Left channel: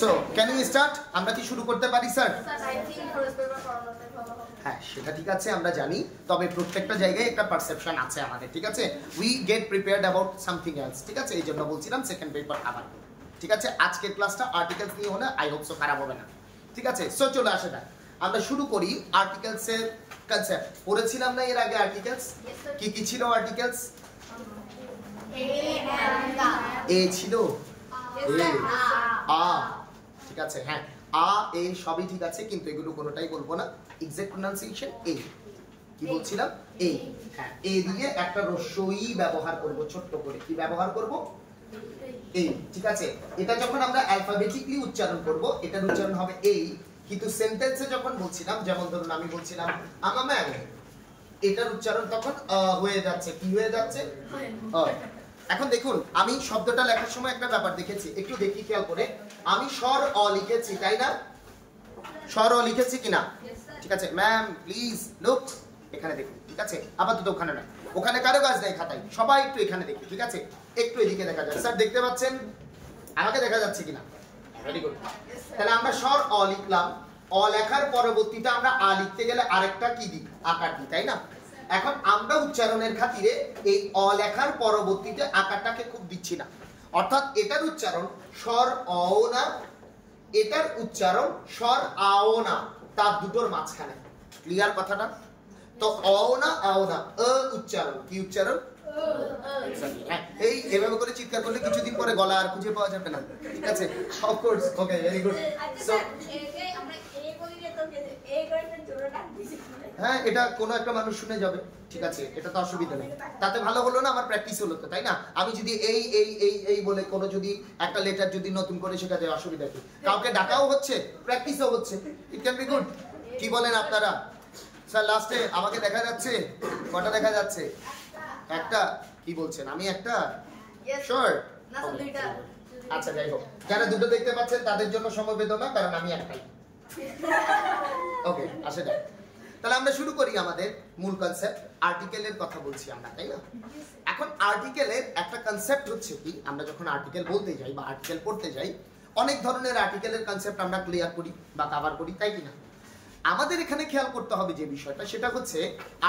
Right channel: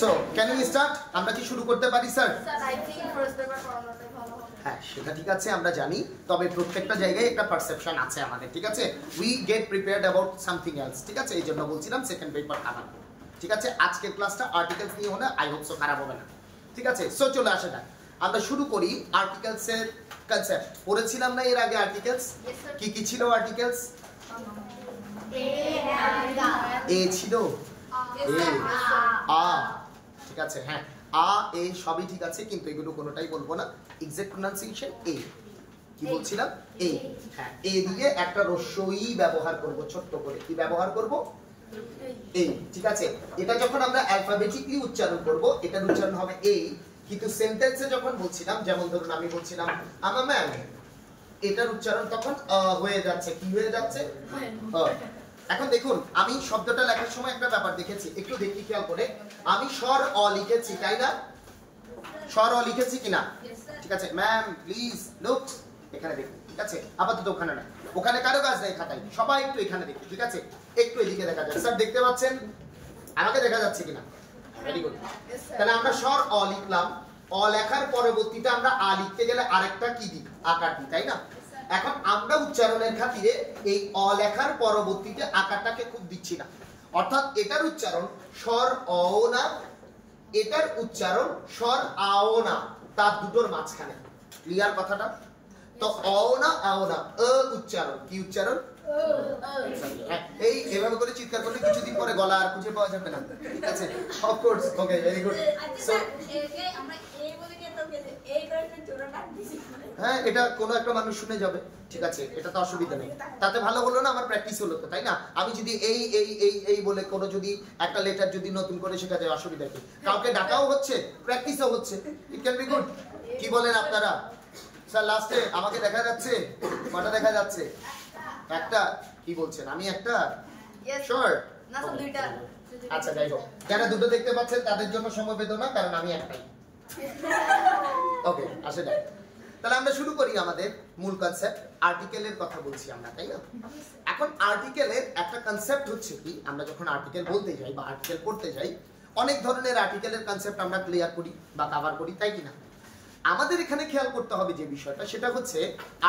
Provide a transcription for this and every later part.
So can you start? আমরা কি শুরু করতে পারি sir? I think first paper পড়ানোতে ভালো হবে। হ্যাঁ সেটা ঠিক আছে, আমরা জানি, তবে প্রত্যেকটা জায়গায় একটা পারসেপশন আছে আমাদের, ঠিক আছে? We get prepared about something else, ঠিক আছে? এই জন্য বলছিলাম সেকেন্ড পেপার আবার, ঠিক আছে? আজকের ক্লাসটা আর্টিকেলস নিয়ে হলে আই হোপ সো খারাপ হবে না, ঠিক আছে? সো চলে আসে যাক, আমরা শুরু করি আর্টিকেলস এর কনসেপ্ট। পড়েছিলাম না এর আগে আর্টিকেলস? কি কি ছিল আর্টিকেলস? এ ছিল, এ, আ, ঠিক আছে? হ্যাঁ, আ এ সবই ঠিক আছে, কিন্তু এগুলো কোনোটাই বলবো না। এক্সাক্ট প্রোনাউন্সিয়েশন এ। কি বলছিলাম? এ। হ্যাঁ, এ দিয়ে একটা রস্যই ব্যবহার করব, ছোট্ট করে। কি ব্যবহার করব? এই, ঠিক আছে? এটা যখন আমরা অ্যালফাবেটিক্যালি উচ্চারণ করব, এটার উচ্চারণ হবে এই, কিন্তু সেন্টেন্সে যখন বলছিলাম, যেমন ধরুন আমি বলছিলাম আমা ম্যাম, এটার উচ্চারণ তখন হয়ে যাচ্ছে। কি হয়ে যাচ্ছে? এখন দেখুন, আমি শব্দটা লেখার সময় একটা ব্যাপার দেখেছি, একটু দেখি খেয়াল করে। আমি স্বর অ লিখেছি, তাই না? স্বর অ লিখেছি কিনা? ঠিক আছে ম্যাম প্লিজ লুক, এখানে দেখুন, ঠিক আছে? আপাতত ওখানে না, ওখানে কারো কাজ নেই খাতায়, সবাই একটু এখানে দেখুন, ঠিক আছে? একটু এদিকে দেখা যায়। স্যার দেখতে পাচ্ছেন? আমাকে দেখা যাচ্ছে কিনা? Very good. তাহলে আমরা স্বর অ লিখলাম, অ লেখার পরবর্তীতে আমরা আ লিখতে গেলে আরেকটা কি দিই? আকার দিই, তাই না? এখন আমরা উচ্চারণের খাতিরে এই অ লেখার পরবর্তীতে আকারটাকে খুব দিচ্ছি না, অর্থাৎ এটার উচ্চারণ স্বর অ না, এটার উচ্চারণ স্বর আও না, তার দুটোর মাঝখানে। ক্লিয়ার কথাটা? তো অ না আও না, উচ্চারণ। কি উচ্চারণ? এই এভাবে করে চিৎকার করলে কিছুদিন পরে গলা আর খুঁজে পাওয়া যাবে না, ঠিক আছে? Of course, okay, very good. So আমরা এই বলি যে তোকে এই করে জোড়া টান দিছি। হ্যাঁ, এটা কোনো একটা মানুষ শুনে যাবে, ঠিক আছে? এটা তো অসুবিধা নেই, তাতে ভালো হলো না, আমার প্র্যাকটিস হলো তো, তাই না? আমি যদি এই এই এই এই বলে কোনো যদি একটা লেটার যদি নতুন করে শেখা যায়, অসুবিধা কি? কাউকে ডাকাও হচ্ছে, প্র্যাকটিসও হচ্ছে, ইট ক্যান বি গুড। কি বলেন আপনারা? স্যার লাস্টে আমাকে দেখা যাচ্ছে, কটা দেখা যাচ্ছে? একটা। কি বলছেন? আমি একটা? শিওর? না স্যার দুইটা। আচ্ছা যাই হোক, যারা দুটো দেখতে পাচ্ছেন তাদের জন্য সমবেদনা, কারণ আমি একটাই। ওকে, আসে যাক। তাহলে আমরা শুরু করি আমাদের মূল কনসেপ্ট। আর্টিকেলের কথা বলছি আমরা, তাই না? এখন আর্টিকেলের একটা কনসেপ্ট হচ্ছে কি, আমরা যখন আর্টিকেল বলতে যাই বা আর্টিকেল পড়তে যাই, অনেক ধরনের আর্টিকেলের কনসেপ্ট আমরা ক্লিয়ার করি বা কভার করি, তাই কিনা? আমাদের এখানে খেয়াল করতে হবে যে বিষয়টা, সেটা হচ্ছে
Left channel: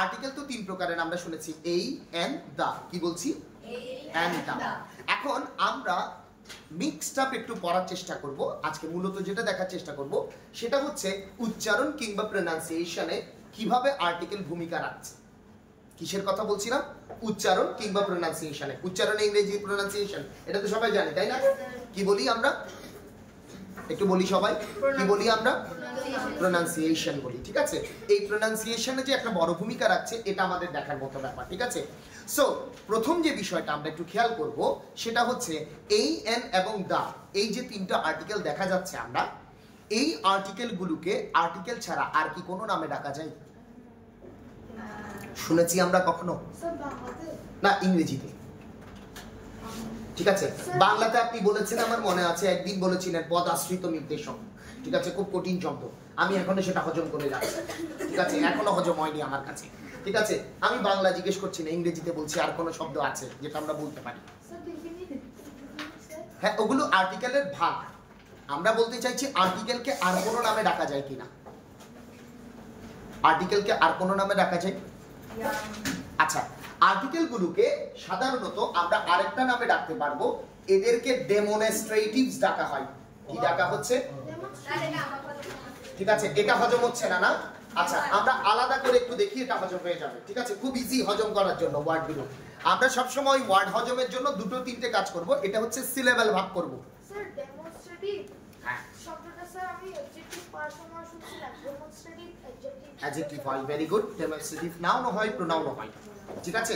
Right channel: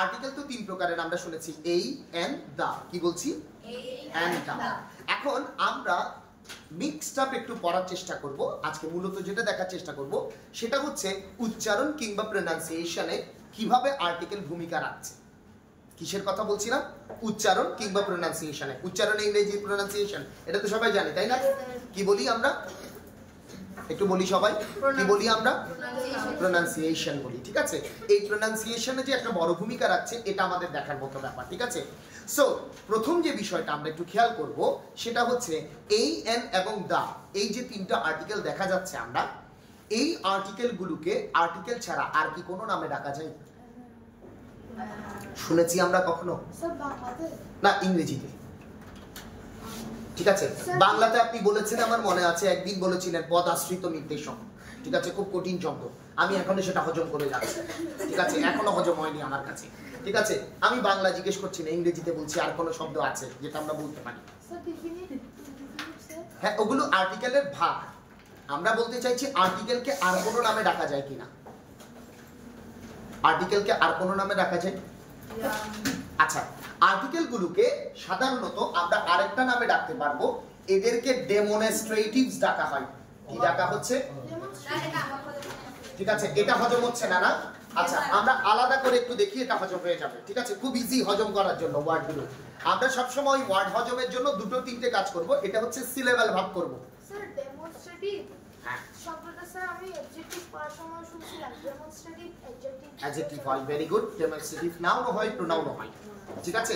আর্টিকেল তো তিন প্রকারের আমরা শুনেছি, এই, এন্ড, দা। কি বলছি? এন্ড, দা। এখন আমরা মিক্সড আপ একটু পড়ার চেষ্টা করব। আজকে মূলত যেটা দেখার চেষ্টা করব সেটা হচ্ছে উচ্চারণ কিংবা প্রোনাউন্সিয়েশনে কিভাবে আর্টিকেল ভূমিকা রাখছে। কিসের কথা বলছিলাম? উচ্চারণ কিংবা প্রোনাউন্সিয়েশনে। উচ্চারণ ইংরেজি, প্রোনাউন্সিয়েশন এটা তো সবাই জানি, তাই না? কি বলি আমরা? একটু বলি সবাই, কি বলি আমরা? প্রোনাউন্সিয়েশন বলি, ঠিক আছে? এই প্রোনাউন্সিয়েশনে যে একটা বড় ভূমিকা রাখছে, এটা আমাদের দেখার মতো ব্যাপার, ঠিক আছে? সো প্রথম যে বিষয়টা আমরা একটু খেয়াল করব সেটা হচ্ছে এই, এন এবং দা, এই যে তিনটা আর্টিকেল দেখা যাচ্ছে, আমরা এই আর্টিকেলগুলোকে আর্টিকেল ছাড়া আর কি কোনো নামে ডাকা যায়? শুনেছি আমরা কখনো? না, ইংরেজিতে, ঠিক আছে? বাংলাতে আপনি বলেছেন, আমার মনে আছে একদিন বলেছিলেন পদাশ্রিত নির্দেশক, ঠিক আছে? খুব কঠিন শব্দ, আমি এখনো সেটা হজম করে যাচ্ছি, ঠিক আছে? এখনো হজম হয়নি আমার কাছে, ঠিক আছে? আমি বাংলা জিজ্ঞেস করছি না, ইংরেজিতে বলছি। আর কোনো শব্দ আছে যেটা আমরা বলতে পারি? হ্যাঁ, ওগুলো আর্টিকেলের ভাগ। আমরা বলতে চাইছি আর্টিকেলকে আর কোনো নামে ডাকা যায় কিনা? আর্টিকেলকে আর কোনো নামে ডাকা যায়? আচ্ছা, আর্টিকেলগুলোকে সাধারণত আমরা আরেকটা নামে ডাকতে পারবো, এদেরকে ডেমনস্ট্রেটিভস ডাকা হয়। কি ডাকা হচ্ছে? ঠিক আছে, এটা হজম হচ্ছে না, না? আচ্ছা, আমরা আলাদা করে একটু দেখি, এটা হজম হয়ে যাবে, ঠিক আছে? খুব ইজি হজম করার জন্য ওয়ার্ডগুলো। আমরা সবসময় ওয়ার্ড হজমের জন্য দুটো তিনটে কাজ করব। এটা হচ্ছে সিলেবেল ভাগ করব। স্যার ডেমনস্ট্রেটিভ শব্দটা স্যার আমি অবজেক্টিভ পড়ার সময় শুনছিলাম, ডেমনস্ট্রেটিভ অ্যাডজেক্টিভ হয়, ভেরি গুড। ডেমনস্ট্রেটিভ নাউন হয়, প্রোনাউন হয়, ঠিক আছে?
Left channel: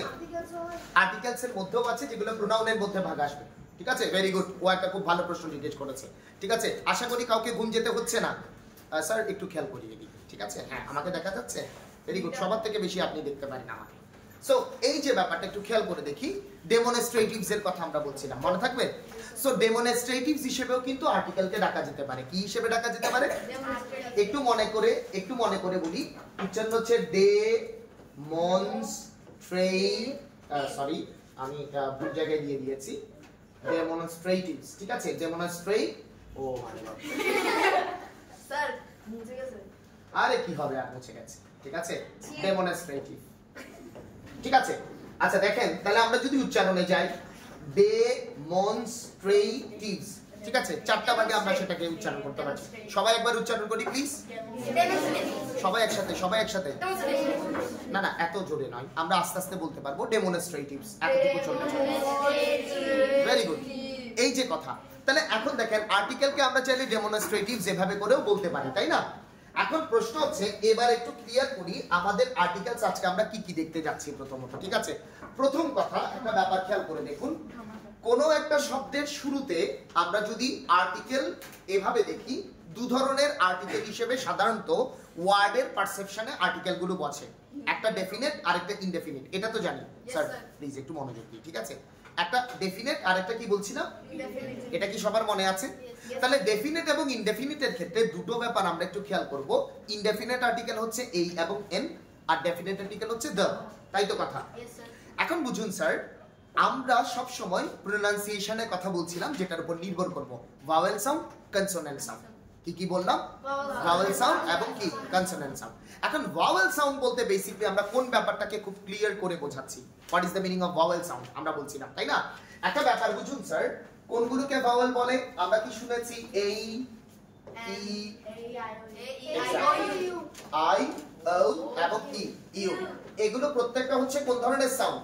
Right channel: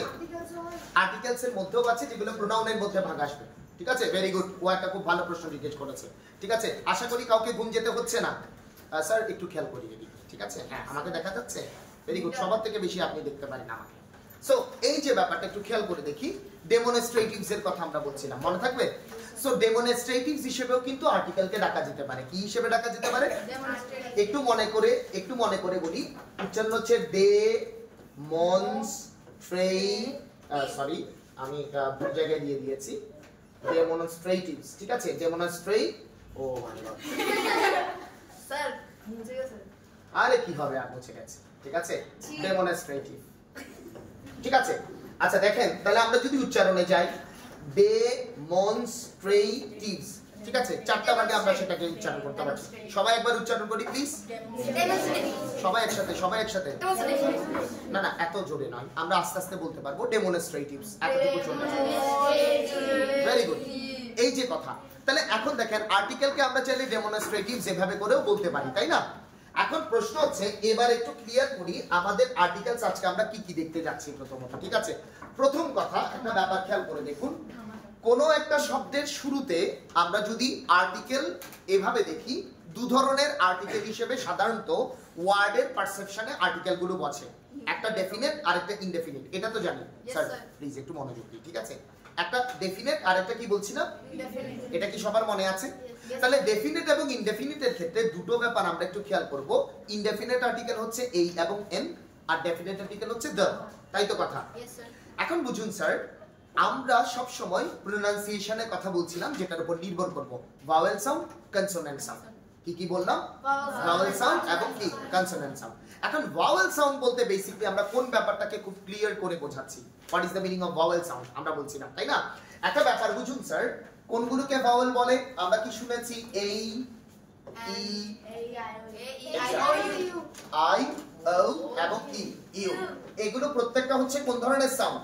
আর্টিকেলস এর মধ্যেও আছে যেগুলো প্রোনাউনের মধ্যে ভাগ আসবে, ঠিক আছে? ভেরি গুড, ও একটা খুব ভালো প্রশ্ন জিজ্ঞেস করেছে, ঠিক আছে? আশা করি কাউকে ঘুম যেতে হচ্ছে না। স্যার একটু খেয়াল করি এদিকে, ঠিক আছে? হ্যাঁ, আমাকে দেখা যাচ্ছে, ভেরি গুড। সবার থেকে বেশি আপনি দেখতে পারেন আমাকে। সো এই যে ব্যাপারটা একটু খেয়াল করে দেখি, ডেমনস্ট্রেটিভস এর কথা আমরা বলছিলাম, মনে থাকবে? সো ডেমনস্ট্রেটিভস হিসেবেও কিন্তু আর্টিকেলকে ডাকা যেতে পারে। কি হিসেবে ডাকা যেতে পারে? একটু মনে করে বলি। উচ্চারণ হচ্ছে ডে মনস ট্রে, সরি আমি ভুল জায়গায় দিয়ে দিয়েছি, ডেমনস্ট্রেটিভস, ঠিক আছে? ডেমনস্ট্রেট ও মাই গড, স্যার বুঝে গেছে। আরে কি হবে আর মুছে গেছে, ঠিক আছে, ডেমনস্ট্রেটিভ, ঠিক আছে। আচ্ছা দেখেন, তাহলে আমরা যদি উচ্চারণে যাই, ডেমনস্ট্রেটিভস, ঠিক আছে, চারটা ভাগে আমরা সেটাকে উচ্চারণ করতে পারছি। সবাই একবার উচ্চারণ করি প্লিজ, সবাই একসাথে, সবাই একসাথে, না না এত জোরে নয়, আমরা আস্তে আস্তে বলতে পারবো। ডেমনস্ট্রেটিভস এতটুকু চলবে, ভেরি গুড। এই যে কথা, তাহলে এখন দেখেন আর্টিকেলকে আমরা চাইলে ডেমনস্ট্রেটিভস এভাবে করেও বলতে পারি, তাই না? এখন প্রশ্ন হচ্ছে, এবার একটু ক্লিয়ার করি আমাদের আর্টিকেলস আজকে আমরা কি কি দেখতে যাচ্ছি প্রথমত, ঠিক আছে? প্রথম কথা, একটা ব্যাপার খেয়াল করে দেখুন, কোন একটা শব্দের শুরুতে আমরা যদি আর্টিকেল এভাবে দেখি, দু ধরনের আর্টিকেল হিসেবে সাধারণত ওয়ার্ডের পারসেপশনে আর্টিকেল গুলো বসে, একটা ডেফিনেট আর একটা ইনডেফিনিট, এটা তো জানি স্যার, প্লিজ একটু মনোযোগ দিন, ঠিক আছে? একটা ডেফিনেট আর একটা কি বলছিলাম, এটা কি সবার মনে আছে? তাহলে ডেফিনেট এবং ইনডেফিনিটের ক্ষেত্রে দুটো ব্যাপার আমরা একটু খেয়াল করব। ইনডেফিনিট আর্টিকেল হচ্ছে এই এবং এন, আর ডেফিনেট আর্টিকেল হচ্ছে দ্য, তাই তো কথা? এখন বুঝুন স্যার, আমরা সব সময় প্রোনাউন্সিয়েশনের কথা বলছিলাম, যেটার উপর নির্ভর করব, ভাওয়েল সাউন্ড, কনসোনেন্ট সাউন্ড। কি কি বললাম? ভাওয়েল সাউন্ড এবং কি কনসোনেন্ট সাউন্ড। এখন ভাওয়েল সাউন্ড বলতে বেসিক্যালি আমরা কোন ব্যাপারটাকে খুব ক্লিয়ার করে বোঝাচ্ছি, what is the meaning of vowel sound আমরা বলছিলাম, তাই না? একটা ব্যাপার বুঝুন স্যার, কোনগুলোকে ভাওয়েল বলে? আমরা কি শুনেছি? এই, ই, আই, ও এবং ই, ইউ, এগুলো প্রত্যেকটা হচ্ছে কোন ধরনের সাউন্ড?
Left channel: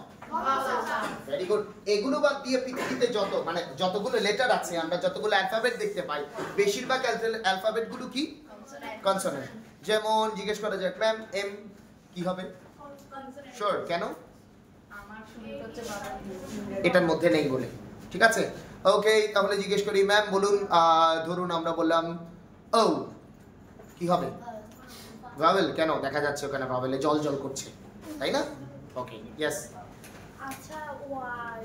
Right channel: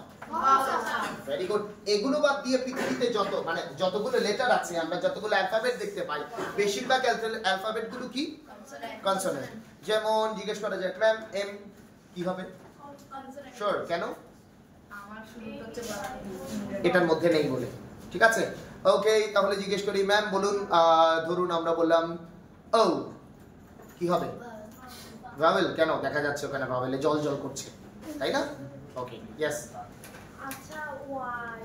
Very good. এগুলো বাদ দিয়ে পৃথিবীতে যত মানে যতগুলো লেটার আছে, আমরা যতগুলো অ্যালফাবেট দেখতে পাই, বেশিরভাগ অ্যালফাবেট গুলো কি? কনসোনেন্ট। যেমন জিজ্ঞেস করা যায়, ম্যাম এম কি হবে? শিওর, কেন? এটার মধ্যে নেই বলে, ঠিক আছে, ওকে। তাহলে জিজ্ঞেস করি, ম্যাম বলুন, ধরুন আমরা বললাম ও, কি হবে? ভাওয়েল। কেন? দেখা যাচ্ছে ওখানে ভাওয়েলে জল জল করছে, তাই না? ওকে, ইয়েস। আচ্ছা, ওয়াই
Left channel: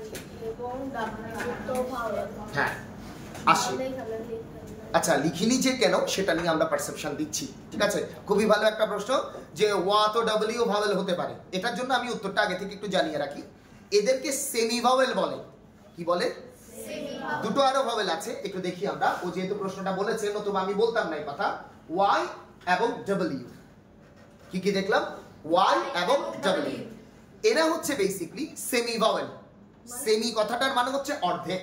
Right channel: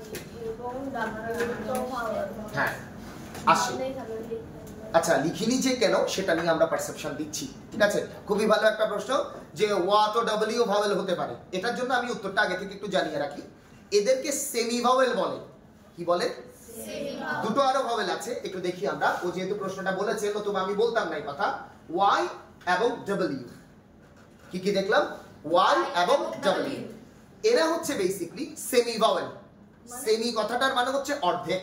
এবং ডাব্লিউ তো ভাওয়েল। হ্যাঁ, আসি। আচ্ছা, লিখিনি যে কেন সেটা নিয়ে আমরা পারসেপশন দিচ্ছি, ঠিক আছে। খুবই ভালো একটা প্রশ্ন, যে ওয়া তো ডব্লিউ ভাওয়েল হতে পারে। এটার জন্য আমি উত্তরটা আগে থেকে একটু জানিয়ে রাখি, এদেরকে সেমি ভাওয়েল বলে। কি বলে? দুটো আরো ভাওয়েল আছে, একটু দেখি আমরা। ও যেহেতু প্রশ্নটা বলেছে, নতুবা আমি বলতাম না এই কথা। ওয়াই এবং ডব্লিউ, কি কি দেখলাম? ওয়াই এবং ডব্লিউ, এরা হচ্ছে বেসিক্যালি সেমি ভাওয়েল। সেমি কথাটার মানে হচ্ছে অর্ধেক,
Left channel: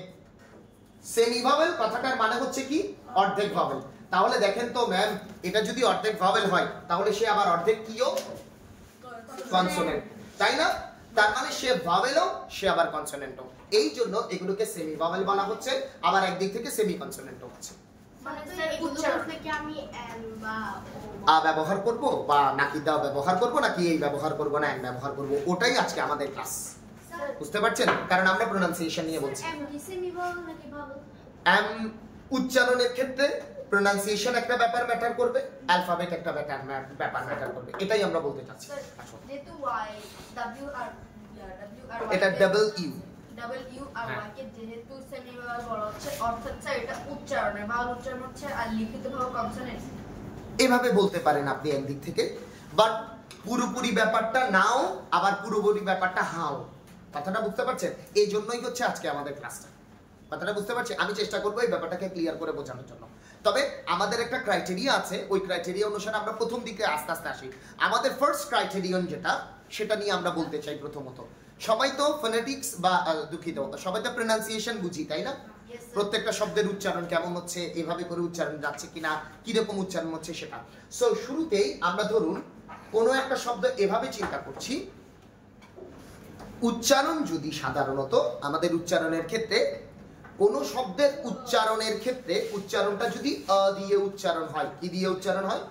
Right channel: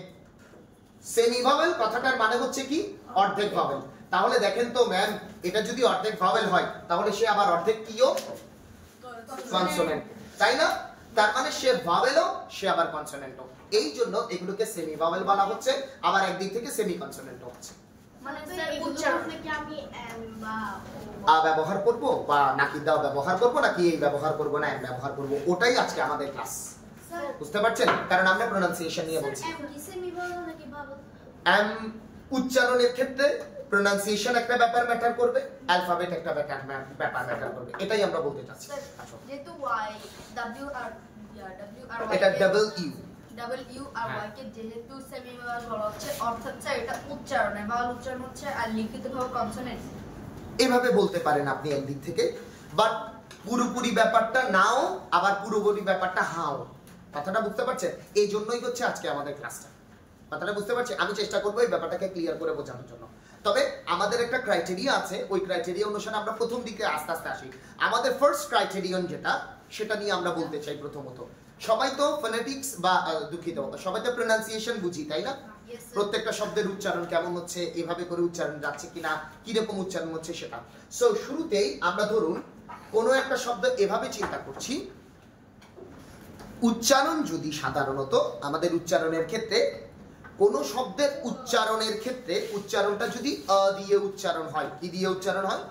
সেমি ভাওয়েল কথাটার মানে হচ্ছে কি? অর্ধেক ভাওয়েল। তাহলে দেখেন তো ম্যাম, এটা যদি অর্ধেক ভাওয়েল হয়, তাহলে সে আবার অর্ধেক কিও? কনসোনেন্ট, তাই না? তার মানে সে ভাওয়েলও, সে আবার কনসোনেন্টও। এই জন্য এগুলোকে সেমি ভাওয়েল বলা হচ্ছে, আবার একদিক থেকে সেমি কনসোনেন্টও হচ্ছে। মানে স্যার উচ্চারণে কি আমি এম বা আ ব্যবহার করব, বা নাকি দা ব্যবহার করব, নাকি এই ব্যবহার করব না এম ব্যবহার করব, ওটাই আজকে আমাদের ক্লাস। বুঝতে পারছেন? কারণ আমরা প্রোনাউন্সিয়েশন নিয়ে বলছি। এম কি সেমি ভাওয়েল নাকি ভাওয়েল? এম উচ্চারণের ক্ষেত্রে প্রোনাউন্সিয়েশন একটা ব্যাপার ম্যাটার করবে, অ্যালফাবেট একটা ব্যাপার ম্যাটার করবে, এটাই আমরা বলতে চাচ্ছি। যেহেতু ওয়াই ডব্লিউ আর এটা double you, W R Y কে যেহেতু সেমি ভাওয়েল বলা হচ্ছে, অর্থাৎ স্যার এটা উচ্চারণে ভাওয়েল উচ্চারণ হচ্ছে, আর লিখিতভাবে কনসোনেন্ট। এভাবে বলতে পারেন আপনি একদিক থেকে, বাট পুরোপুরি ব্যাপারটা নাও, আবার পুরোপুরি ব্যাপারটা হাও। কথাটা বুঝতে পারছেন? এই জন্যই হচ্ছে আজকে আমাদের ক্লাসটা। কথাটা বুঝতে পারছি? আমি চেষ্টা করবো এই ব্যাপারটাকে ক্লিয়ার করে বোঝানোর জন্য। তবে আমাদের একটা ক্রাইটেরিয়া আছে, ওই ক্রাইটেরিয়া অনুসারে আমরা প্রথম দিকে আস্তে আস্তে আসি। আমাদের ফার্স্ট ক্রাইটেরিয়ন যেটা, সেটা নিয়ে আমরা বলতে চাই। প্রথমত, সবাই তো ফোনেটিক্স বা দুঃখিত, সবাই তো প্রোনাউন্সিয়েশন বুঝি, তাই না? প্রত্যেকটা শব্দের উচ্চারণ কেমন হচ্ছে, এভাবে করে উচ্চারণ যাচ্ছে কিনা, কিরকম উচ্চারণ হচ্ছে সেটা। সো শুরুতেই আমরা ধরুন কোনো একটা শব্দ এভাবে চিন্তা করছি, উচ্চারণ যদি সাধারণত আমাদের উচ্চারণের ক্ষেত্রে, কোন শব্দের উচ্চারণের ক্ষেত্রে উচ্চারণটা যদি আ দিয়ে উচ্চারণ হয়, কি দিয়ে উচ্চারণ হয়?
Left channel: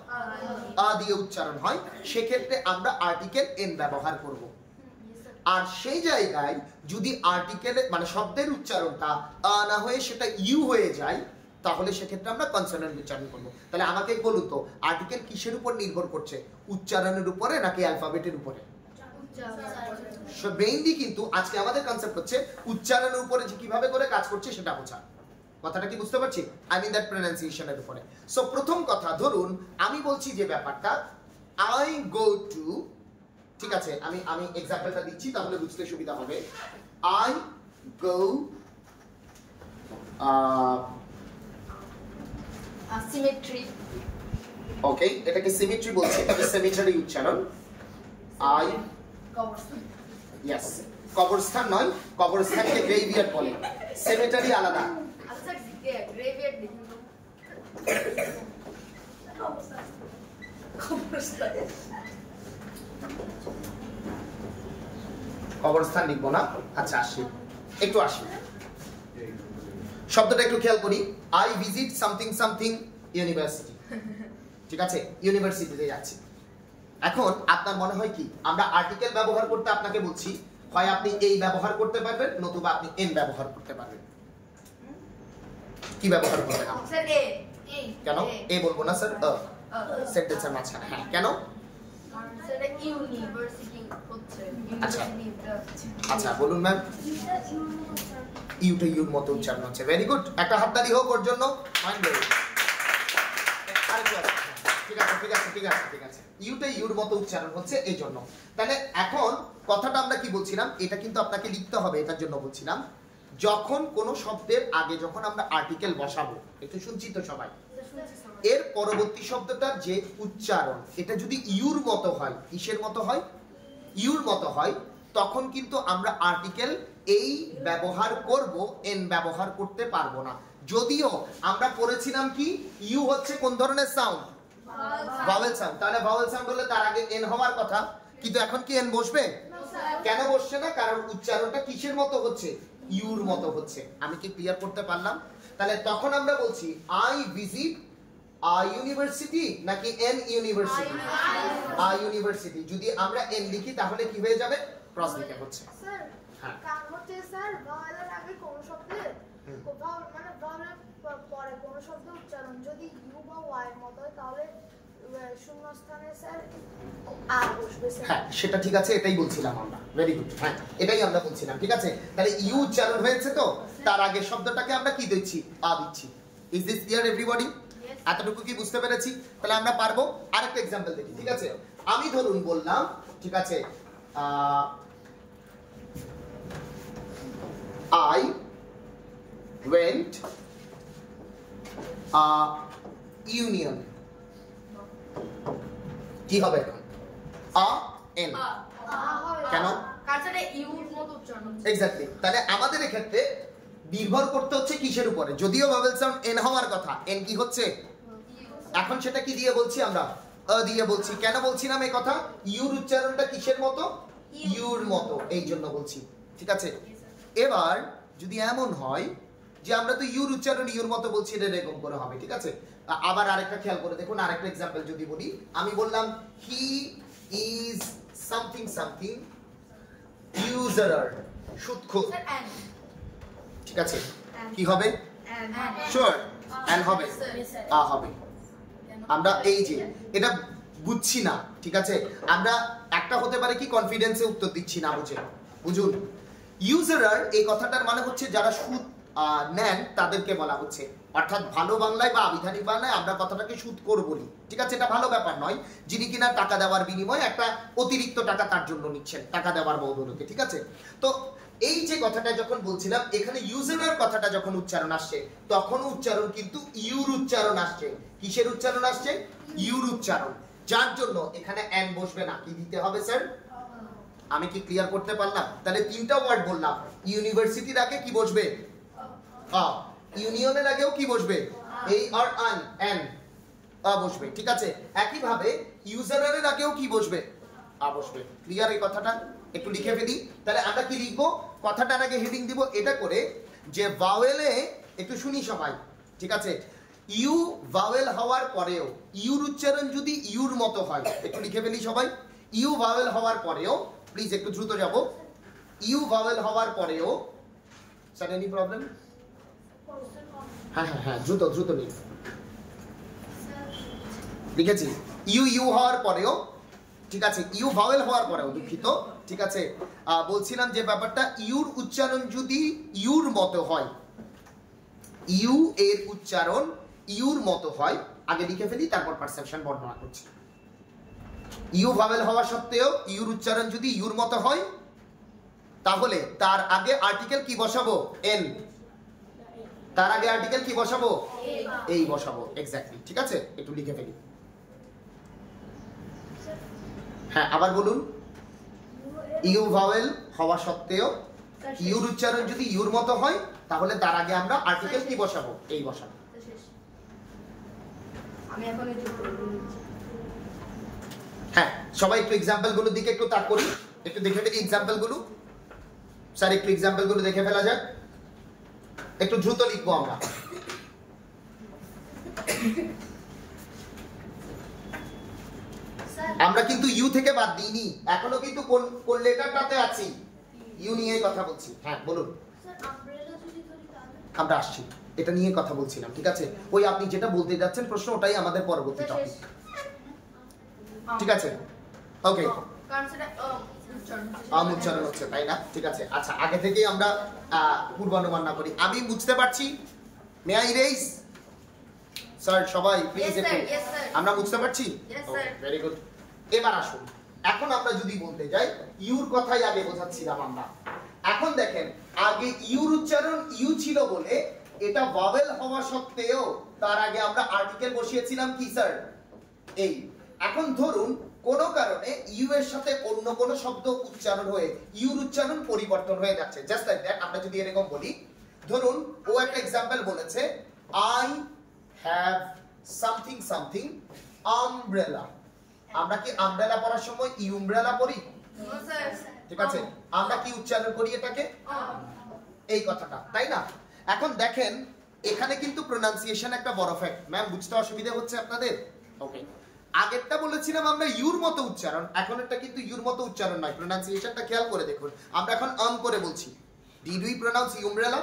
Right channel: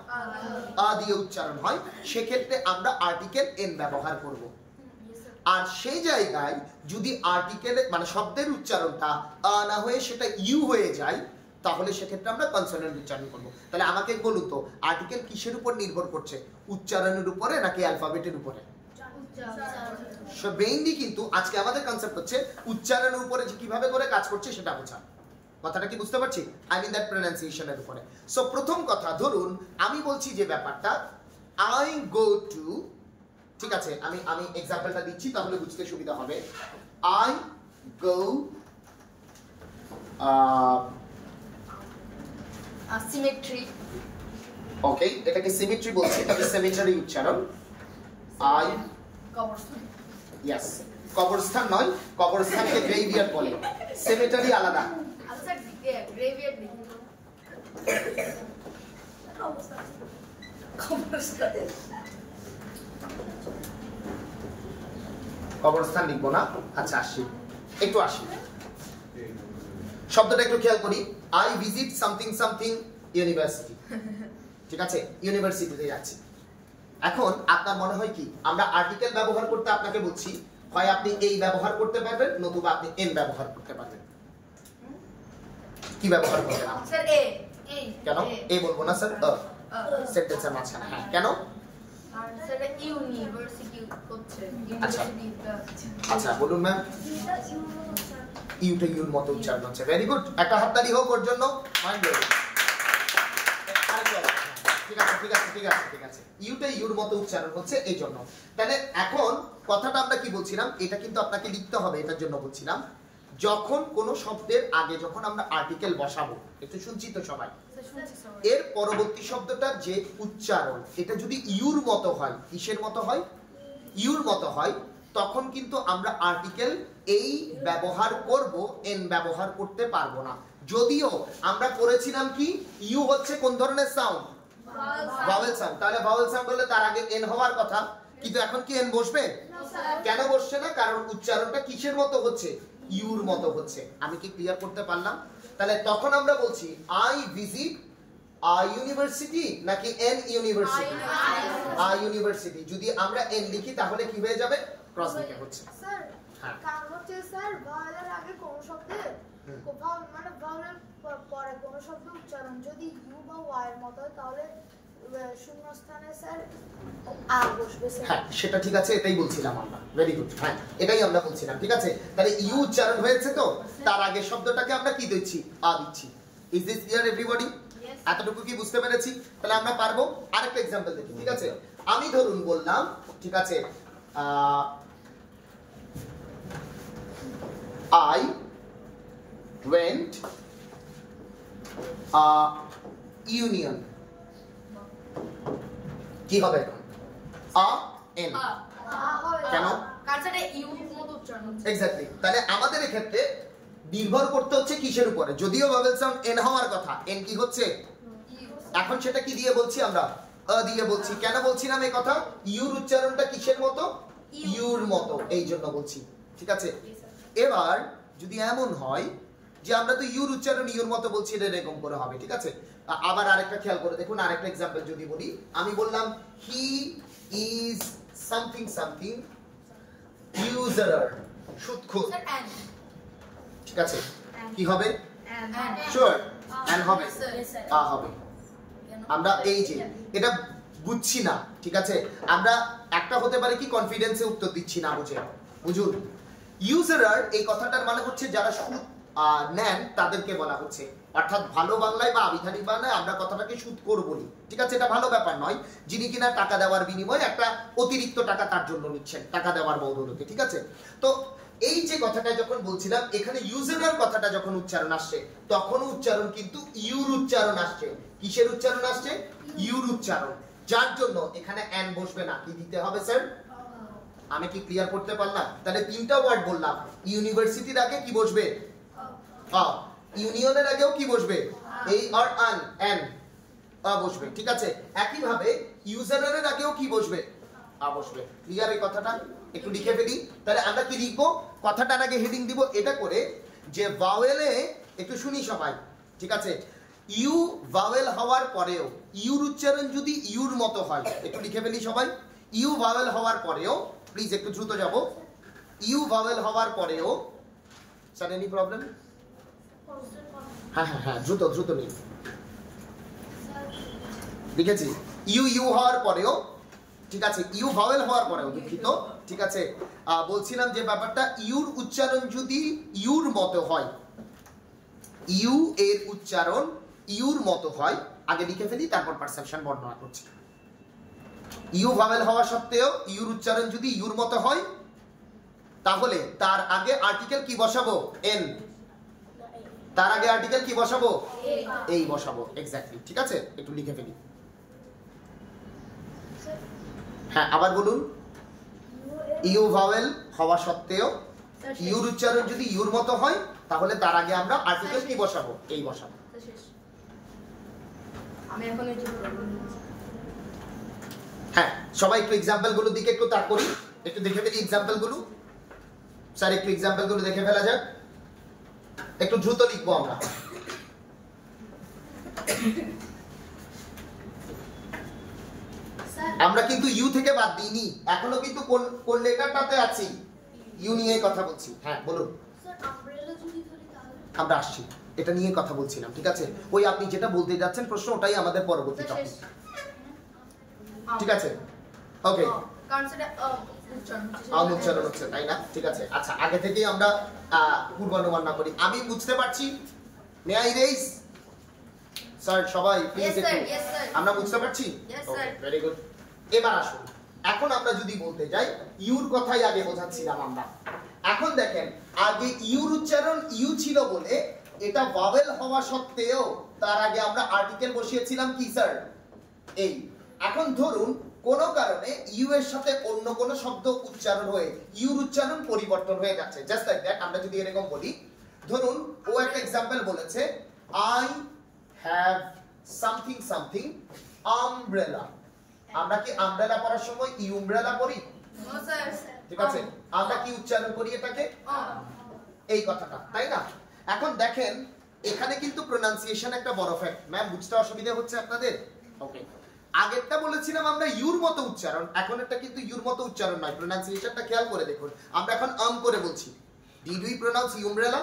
আ দিয়ে উচ্চারণ হয়, সেক্ষেত্রে আমরা আর্টিকেল এন ব্যবহার করব। আর সেই জায়গায় যদি আর্টিকেল মানে শব্দের উচ্চারণটা আ না হয়ে সেটা ইউ হয়ে যায়, তাহলে সেক্ষেত্রে আমরা কনসোনেন্ট উচ্চারণ করব। তাহলে আমাকে বলুন তো, আর্টিকেল কিসের উপর নির্ভর করছে? উচ্চারণের উপরে নাকি অ্যালফাবেটের উপরে? সো মেইনলি কিন্তু আজকে আমাদের কনসেপ্ট হচ্ছে উচ্চারণের উপরে যে কিভাবে করে কাজ করছে সেটা বোঝা। কথাটা কি বুঝতে পারছি? আই মিন দ্যাট প্রোনাউন্সিয়েশনের উপরে। সো প্রথম কথা, ধরুন আমি বলছি যে ব্যাপারটা আই গো টু, ঠিক আছে, আমি এক্সাম্পলটা দিচ্ছি তাহলে বুঝতে সুবিধা হবে। I go symmetry. ওকে, এটাকে সিমেট্রি বলছি, এটাকে সেমিটারি উচ্চারণ। আই কবরস্থান। ইয়েস, কবরস্থান নয়, কবরস্থানকে গ্রেভইয়ার্ড বলে, সেমিটারি আলাদা। আচ্ছা গ্রেভিয়ার্ড দিন তো। কবরস্থান। কবরস্থান লিখবো না। আচ্ছা আসি, একটু আসি, শব্দটা একটু খেয়াল করি। I visit something something university, ঠিক আছে, ইউনিভার্সিটিতে যাচ্ছি। এখন আপনার মনে হয় কি, আমরা আর্টিকেল ব্যবহার করতে আপনাকে বলছি, হয় আপনি এই ব্যবহার করতে পারবেন, নতুবা আপনি এন ব্যবহার করতে পারবেন। কি ব্যবহার করবেন? স্যার এ। কেন এ বলবো না স্যার? সেন্টেন্সের মাঝখানে। হ্যাঁ, কেন? সেটা ইউনিভার্সিটি হচ্ছে। আচ্ছা আচ্ছা বলুন ম্যাম। ইউটা ইউর মতো উচ্চারণ হচ্ছে। ভেরি গুড, একটা হাততালি হোক ওর জন্য। ঠিক আছে ঠিক আছে ঠিক আছে ঠিক আছে, ইউটা ইউর মতো উচ্চারণ হচ্ছে এই জন্য। তাহলে এখন কথাটা আমরা কি বলছিলাম, এটা কিন্তু আপনাকে লিখতে হবে, এটার জন্য বলছিলাম যখন কোন শব্দের আগে যখন আমরা আর্টিকেল বসাবো, একটু শুনছি তো সবাই, এর পরবর্তী শব্দটার যে উচ্চারণ এটা যদি ইউর মতো হয়, কিসের মতো হয়? ইউর মতো হয়, তখন কিন্তু আমরা আর্টিকেল এই ব্যবহার করব, এন ব্যবহার করতে পারবো না। যদিও আমরা করেছিলাম কি, ইউ হচ্ছে কোন ধরনের সাউন্ড? Vowel sound. তাহলে ভাওয়েল সাউন্ড হলে তার আগে এন হওয়ার কথা, কিন্তু এখন কি এন বসবে? কেন বসছে না? কারণ উচ্চারণটা কিসের মতো হচ্ছে? ইউর মতো হচ্ছে। আমি কি ক্লিয়ার করতে পারলাম? তাহলে তখন আমরা বলছি আই ভিজিট আ ইউনিভার্সিটি নাকি এন ইউনিভার্সিটি? আ ইউনিভার্সিটি। যদি আমরা এন লিখি তাহলে কি হয়ে যাবে? ক্রস লিখে হচ্ছে। স্যার কারণ হচ্ছে স্যার ভাওয়েলের আগে কোন শব্দের মানে ভাওয়েলের পরে কোন শব্দ উচ্চারণ যদি ইউ বা ওয়াই এর মতো হয় তাহলে শূন্যস্থানে স্যার আ বসবে স্যার। হ্যাঁ সেটা ঠিক আছে, এটাই বলছিলাম আমরা। ভেরি গুড, হ্যাঁ এটাই আমরা বলছিলাম। ঠিক আছে, তাহলে ইউ উচ্চারণ হয়েছে তো, তার আগের শব্দটাকে আমরা কি দিচ্ছি? আ দিচ্ছি। Is this clear everybody? এতটুকু কি বুঝতে পেরেছি? তাহলে আমরা পারবো। আরেকটা এক্সাম্পল দেখি। ঠিক আছে, আমি ধরুন বললাম, ঠিক আছে, I went union, কি হবে এখন? আ এন। কেন? কারণ সেটা ইউর মতো উচ্চারণ হচ্ছে। এক্স্যাক্টলি। তাহলে আমাদের এক্ষেত্রে নির্ভর করতে হচ্ছে কিসের উপরে? যদিও ভাওয়েল সাউন্ড এন হওয়ার কথা, এন কি হচ্ছে? এখন সেটা কি দিয়ে বলছি আমরা? আ দিয়ে বলছি। কেন বলছিলাম এই কথা? ইউর উচ্চারণটা কিসের মতো? ইউর মতো, এই জন্য বলছি। ঠিক আছে, এবার যদি এমন হয় যে আমরা তো ইউর উচ্চারণ ইউর মতো বলছি, এটা এরকম করে হবে। ঠিক আছে, আবার আরেকটা খেয়াল করে দেখুন, আরেকটা এক্সাম্পল যদি বলি, আমি বললাম হি ইজ সামথিং সামথিং ইউজারার, সুদখোর। ঠিক আছে, কি হবে? শিওর এন্ড হবে, আ হবে। আমরা এই যে এটা বুঝছি না, ঠিক আছে, আমরা একটা হতে পারে কি কনফিডেন্সে উত্তর দিচ্ছি না বুঝে। বুঝুন, ইউজারার এই কথাটার মানে হচ্ছে যারা সুদ নেন তাদেরকে বলা হচ্ছে, অর্থাৎ ভালো বাংলায় বা আবিধানিক বাংলায় আমরা কথাটাকে সুদখোর বলি। ঠিক আছে, এটা ভালো ব্যাপার নয়, যিনি কিনা টাকা দেওয়ার বিনিময়ে একটা অতিরিক্ত টাকা তার জন্য নিচ্ছেন, টাকা দেওয়ার বদৌলতে। ঠিক আছে, তো এই যে কথাটা যখন বলছিলাম, এখানে ইউজারার কথাটা যখন উচ্চারণ আসছে, তখন উচ্চারণ কিন্তু ইউর উচ্চারণ আসছে। কিসের উচ্চারণ আসছে? ইউর উচ্চারণ, যার জন্য এখানে এন বসবে না। কি দিতে হবে স্যার? আমি কি ক্লিয়ার করতে পারলাম? তাহলে তিনটা ওয়ার্ড বললাম। ইউনিভার্সিটির আগে কি বসবে? আ। ইউনিয়নের আগেও কি বসবে? এই আর আন, এন, আ বসবে। ঠিক আছে, একই ভাবে ইউজারের আগেও কি বসবে? আ বসবে। ক্লিয়ার এই কথাটা? একটু লিখে ফেলি। তাহলে আমরা কি লিখবো? কথাটার আগে হেডিং দিব এটা করে যে ভাওয়েলে, একটু শুনি সবাই। ঠিক আছে, ইউ ভাওয়েল হওয়ার পরেও ইউর উচ্চারণ যদি ইউর মতো হয়, একটু লিখে ফেলি সবাই। ইউ ভাওয়েল হওয়ার পরেও, প্লিজ একটু দ্রুত যাব, ইউ ভাওয়েল হওয়ার পরেও, স্যার এনি প্রবলেম? হ্যাঁ হ্যাঁ হ্যাঁ, দ্রুত দ্রুত নিন। লিখেছি ইউ ইউ হওয়ার পরেও, ঠিক আছে, ইউ ভাওয়েল হওয়ার পরেও, দুঃখিত। ঠিক আছে, বলছিলাম যে ব্যাপারটা, ইউর উচ্চারণ যদি ইউর মতো হয়, ইউ এর উচ্চারণ ইউর মতো হয়, আগে লিখে ফেলি তারপর পারসেপশন বর্ণনা করছি। ইউ ভাওয়েল হওয়া সত্ত্বেও ইউর উচ্চারণ যদি ইউর মতো হয়, তাহলে তার আগে আর্টিকেল কি বসাবো? এন। তার আগে আর্টিকেল কি বসাবো? এই বসাবো, এক্স্যাক্টলি। ঠিক আছে, একটু লিখে ফেলি। হ্যাঁ, আবার বলুন। ইউ ভাওয়েল হওয়া সত্ত্বেও ইউর উচ্চারণ যদি ইউর মতো হয় তাহলে তার আগে আমরা আর্টিকেল কি বসাবো? এই বসাবো। আমি এখন এই হ্যাঁ, সবাই একটু এক্সাম্পল গুলোর দিকে একটু তাক করি, একটু দেখে ফেলি এক্সাম্পল গুলো। স্যার একটু এক্সাম্পল গুলো দেখে ফেলা যায়, একটু দ্রুত লিখবো আমরা। আমরা কিন্তু ইউ থেকে বাদ দিইনি, এখনো কিন্তু কোন লেটারটাতে আছি? ইউ নিয়ে কথা বলছি। হ্যাঁ বলুন। আমরা আসছি, এটা নিয়ে কথা বলছিলাম। ঠিক আছে, ওই আপনি যেটা বলতে যাচ্ছেন প্রশ্ন, ওটাই আমাদের পরবর্তী টপিক। ঠিক আছে, ওকে। উচ্চারণ হচ্ছে, তাই না? ঠিক আছে, আচ্ছা, আগে থেকেই আমরা পূর্বানুমান না করি। আমি বুঝতে পারছি, মে আই রেইজ? স্যার সবাই প্লিজ একটু, আমরা বুঝতে পারছি? ওকে, ভেরি গুড। এবার আসুন, এখন আমরা যদি বলতে যাই, ইউর কথাই আগে বোঝাচ্ছিলাম আমরা। এখন দেখেন, আগে ইউর উচ্চারণ ইউ ছিল বলে এটা ভাওয়েল হওয়া সত্ত্বেও তার আগে আমরা আর্টিকেল বসিয়েছিলাম কি স্যার? এই। এখন ধরুন কোন কারণে ইউ এর সাথে অন্য কোন শব্দ উচ্চারণ হয়ে ইউর উচ্চারণ পরিবর্তন হয়ে যাচ্ছে, জাস্ট লাইক দ্যাট। আমরা যদি এরকম বলি, ধরুন ও একটা এক্সাম্পল বলেছে, I have something something umbrella. আমরা কি আমব্রেলা পড়ার সময় ইউমব্রেলা পড়ি? ঠিক আছে, আমরা কি উচ্চারণ করি এটাকে? এই কথাটা, তাই না? এখন দেখেন, এখানে কিন্তু প্রোনাউন্সিয়েশন একটা বড় ফ্যাক্ট। ম্যাম বুঝতে অসুবিধা হচ্ছে আপনাদের? ওকে, আগেরটা বলেছিলাম আমরা ইউর মতো উচ্চারণ, এখন এটা কিন্তু ইউর মতো উচ্চারণ নয়। প্রোনাউন্সিয়েশনটা খেয়াল করে দেখুন, আমরা এখন করে বলছি। Did we pronounce umbrella?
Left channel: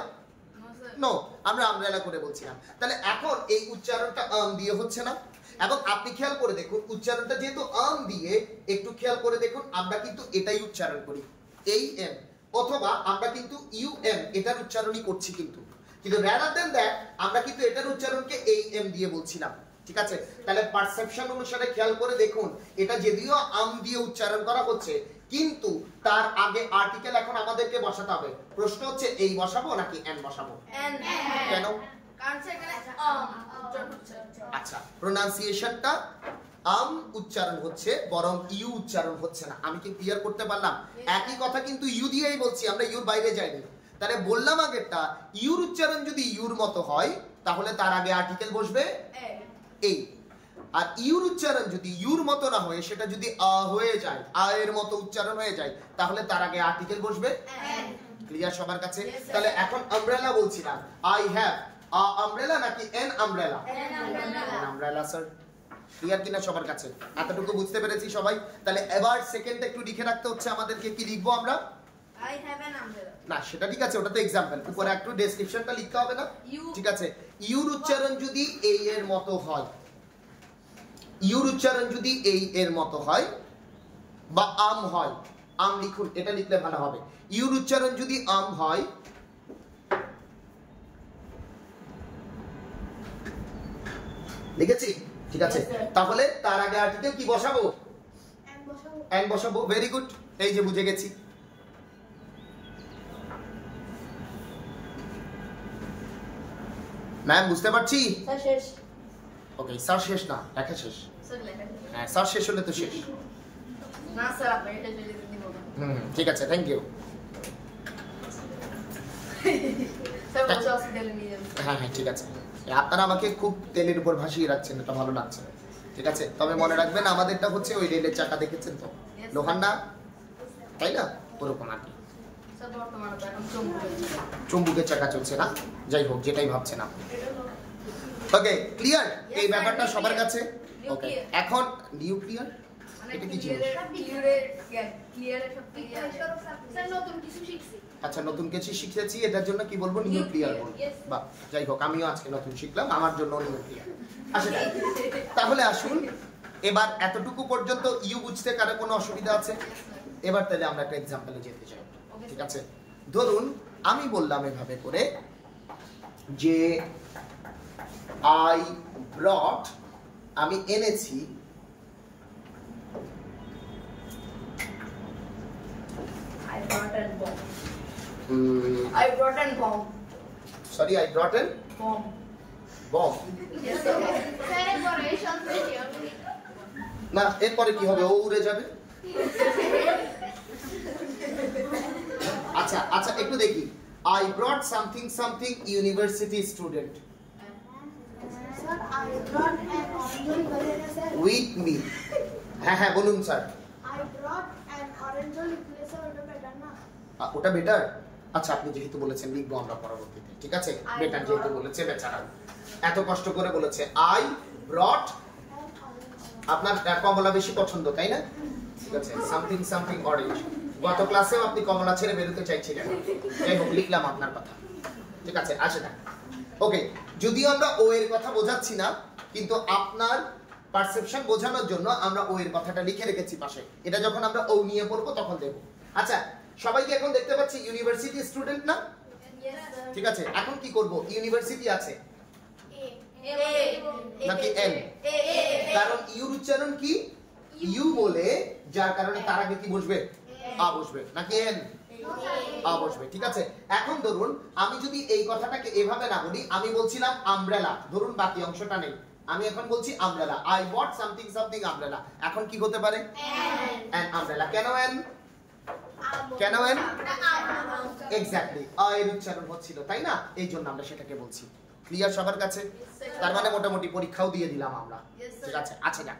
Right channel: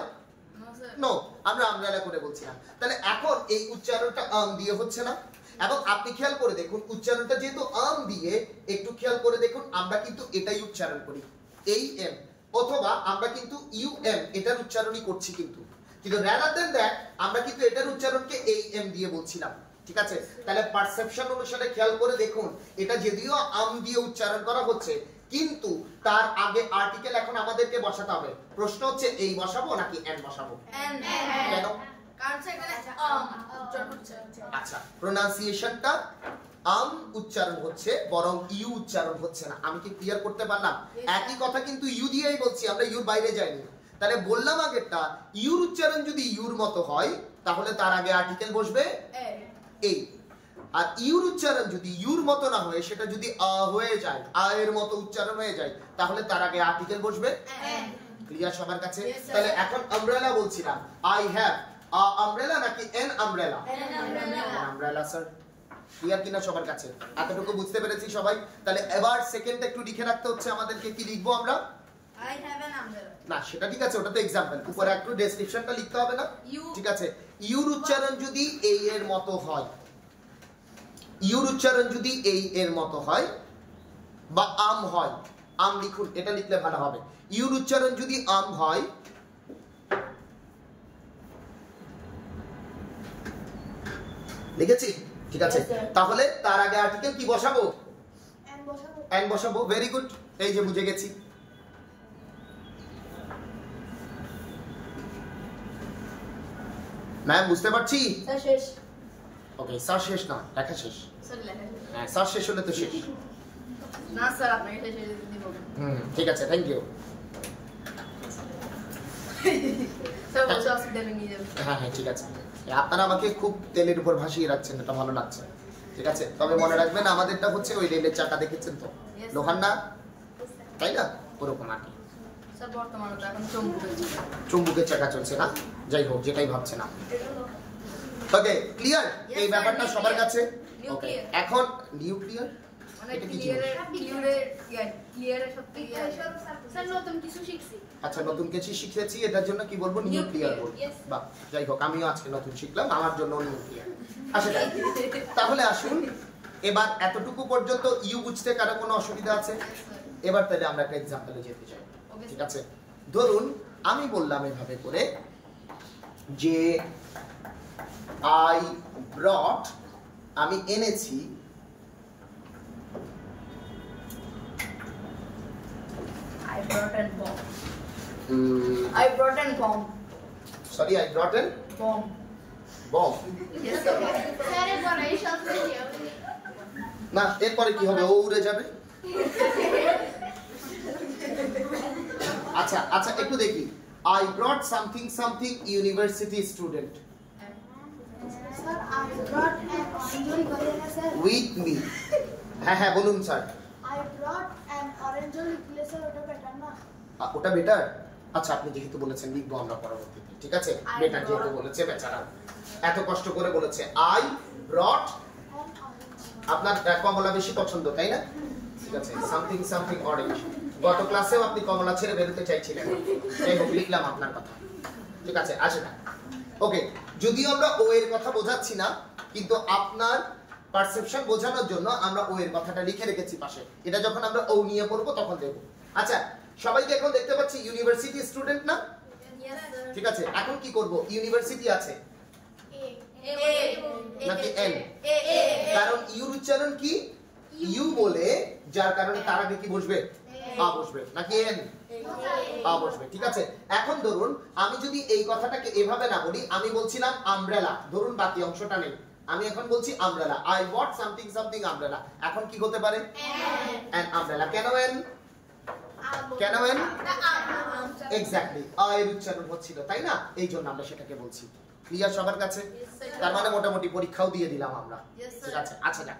No, আমরা আমব্রেলা করে বলছিলাম। তাহলে এখন এই উচ্চারণটা দিয়ে হচ্ছে না। এবং আপনি খেয়াল করে দেখুন, উচ্চারণটা যেহেতু দিয়ে, একটু খেয়াল করে দেখুন, আমরা কিন্তু এটাই উচ্চারণ করি, এই এম, অথবা আমরা কিন্তু ইউ এম, এটার উচ্চারণই করছি। কিন্তু রাদার দেন দ্যাট আমরা কিন্তু এটার উচ্চারণকে এই এম দিয়ে বলছিলাম। ঠিক আছে, তাহলে পারসেপশন অনুসারে খেয়াল করে দেখুন, এটা যদিও দিয়ে উচ্চারণ করা হচ্ছে, কিন্তু তার আগে আর্টিকেল এখন আমাদেরকে বসাতে হবে। প্রশ্ন হচ্ছে এই বসাবো নাকি এন বসাবো? কেন? আচ্ছা, প্রোনাউন্সিয়েশনটা উচ্চারণ হচ্ছে, বরং ইউ উচ্চারণ হচ্ছে না। আমি কি ক্লিয়ার করতে পারলাম? একই কথা কিন্তু ইউ দিয়েই বলছি, আমরা ইউর বাইরে যাইনি। তাহলে বললাম আগেরটা, ইউর উচ্চারণ যদি ইউর মতো হয় তাহলে তার আগে আর্টিকেল বসবে এই। আর ইউর উচ্চারণ যদি ইউর মতো না হয়ে সেটা যদি হয়ে যায়, এর মতো উচ্চারণ হয়ে যায়, তাহলে তার আগে আর্টিকেল বসবে ক্লিয়ার সবার কাছে? তাহলে এখন আমব্রেলা বলছিলাম, আই হ্যাভ আমব্রেলা নাকি N umbrella? Umbrella sir. Clear কিনা সবার কাছে? এতটুকু বুঝতে পেরেছি সবাই? তাহলে এবার সেকেন্ডটা একটু লিখে রাখতে হচ্ছে আমাদেরকে। কি লিখবো আমরা? I have an umbrella. না, সেটা ঠিক আছে, ওটা তো এক্সাম্পল। উপরে একটু ডেসক্রিপশনটা লিখতে হবে না? ঠিক আছে, ইউর উচ্চারণ যদি এই এর মতো হয়, ইউর উচ্চারণ যদি এই এর মতো হয় বা আম হয়, আম লিখুন, এটা লিখলে ভালো হবে। ইউর উচ্চারণ যদি আম হয়, লিখেছি? ঠিক আছে, তাহলে তার আগে আর্টিকেল কি বসাবো? এন বসাবো। ভেরি গুড, এই যে বুঝে গেছি। ম্যাম বুঝতে পারছি? শেষ। ওকে, স্যার শেষ না, লেখা শেষ। স্যার লেখা শেষ। হ্যাঁ, স্যার শেষ হলে তো শেষ। না স্যার, আপনি এটা শেষ দিতে বলবেন। ঠিক আছে, থ্যাংক ইউ। স্যার বলছে হসপিটালে নিয়ে যাবেন। হ্যাঁ হ্যাঁ, ঠিক আছে। আপনারা আমাকে খুব তেলের উপর ভাসিয়ে রাখছেন, এটা ভালো লাগছে। ঠিক আছে, তবে মনে রাখবেন আমাদেরটা হচ্ছে ওই রেলের চাকা, দেখেছেন তো, লোহার না, তাই না? ওরকম আর কি। স্যার বর্তমানে তো এখন চুম্বকের চাকা চলছে না, যাই হোক, যেটাই ভাবছেন আপনি। ওকে, ক্লিয়ার এই ব্যাপারটা সবার কাছে? ওকে, এখন নিউক্লিয়ার এটা কি জিনিস? আচ্ছা, নতুন কিছু শিখেছি, এটার জন্য কি বলবো? নিউক্লিয়ার বলবো। বাহ, যাই হোক, আমিও আজকে নতুন শিখলাম, আমার জন্য নিউক্লিয়ার। আচ্ছা, তাহলে আসুন, এবার এতটুকু পর্যন্ত ইউ বুঝতে কারো কোনো অসুবিধা আছে? এবার তাহলে আমরা একটা এক্সাম্পলে যেতে চাই। ঠিক আছে, ধরুন আমি বললাম এভাবে করে যে আই ব্রট, আমি এনেছি I brought an bomb. Sorry, I brought an bomb bomb sir একবার এই শব্দটি না, এরপরে কি হবে? ও উড়ে যাবে। আচ্ছা আচ্ছা, একটু দেখি। I brought something something university student sir I brought an orange banana sir with me। হ্যাঁ হ্যাঁ বলুন sir. I brought an orange place ওটা বেটার না? ওটা বেটার। আচ্ছা, আপনি যেহেতু বলেছেন লিখবো আমরা পরবর্তীতে, ঠিক আছে? বেটার যেহেতু বলেছে বেচারা, এত কষ্ট করে বলেছে। I brought, আপনার কমলা বেশি পছন্দ তাই না? ঠিক আছে, সামথিং সামথিং অরেঞ্জ। গত ক্লাসেও আপনি কমলা ছেড়ে বেরোতে চাইছিলেন, যাই হোক লিখলাম আপনার কথা, ঠিক আছে? আসে না, ওকে। যদিও আমরা ও এর কথা বোঝাচ্ছি না, কিন্তু আপনার পারসেপশন বোঝানোর জন্য আমরা ও এর কথাটা লিখে রেখেছি পাশে। এটা যখন আমরা ও নিয়ে পড়বো তখন দেখব। আচ্ছা, সবাইকে এখন দেখতে পাচ্ছি ইউনিভার্সিটি স্টুডেন্ট না? ঠিক আছে, এখন কি করব? ইউনিভার্সিটি আছে নাকি এন? কারণ ইউর উচ্চারণ কি? ইউ বলে, যার কারণে তার আগে কি বসবে? আ বসবে, নাকি এন? আ বসবে, ঠিক আছে? এখন ধরুন আমি যদি এই কথাটাকে এভাবে না বলি, আমি বলছিলাম আমব্রেলা, ধরুন বাকি অংশটা নেই, আমি এখন বলছি umbrella. I bought something something umbrella. এখন কি হতে পারে? N umbrella. কেন এন? কেন এন? এক্স্যাক্টলি, আ এর উচ্চারণ হচ্ছিল, তাই না? এই জন্য আমরা সেটাকে বলছি। ক্লিয়ার সবার কাছে? তার মানে মোটামুটি পরীক্ষাও দিয়ে দিলাম আমরা, ঠিক আছে? আচ্ছা না,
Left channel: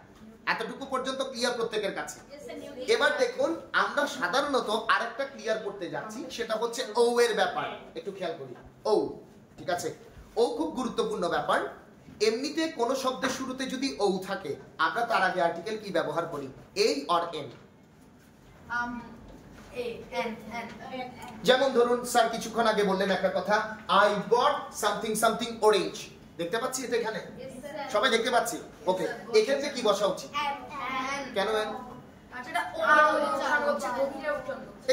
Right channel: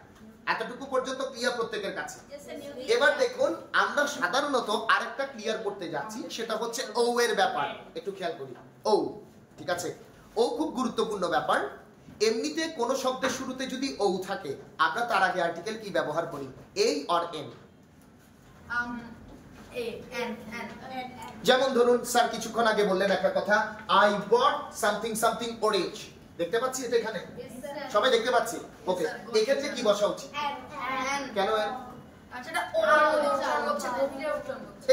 এতটুকু পর্যন্ত ক্লিয়ার প্রত্যেকের কাছে। এবার দেখুন আমরা সাধারণত আরেকটা ক্লিয়ার করতে যাচ্ছি, সেটা হচ্ছে ও এর ব্যাপার। একটু খেয়াল করি, ও, ঠিক আছে? ও খুব গুরুত্বপূর্ণ ব্যাপার। এমনিতে কোন শব্দের শুরুতে যদি ও থাকে, আমরা তার আগে আর্টিকেল কি ব্যবহার করি? এই অর এন। যেমন ধরুন স্যার কিছুক্ষণ আগে বললেন একটা কথা, I bought something something orange. দেখতে পাচ্ছি এটা এখানে? সবাই দেখতে পাচ্ছি? ওকে, এক্ষেত্রে কি বসা উচিত? কেন?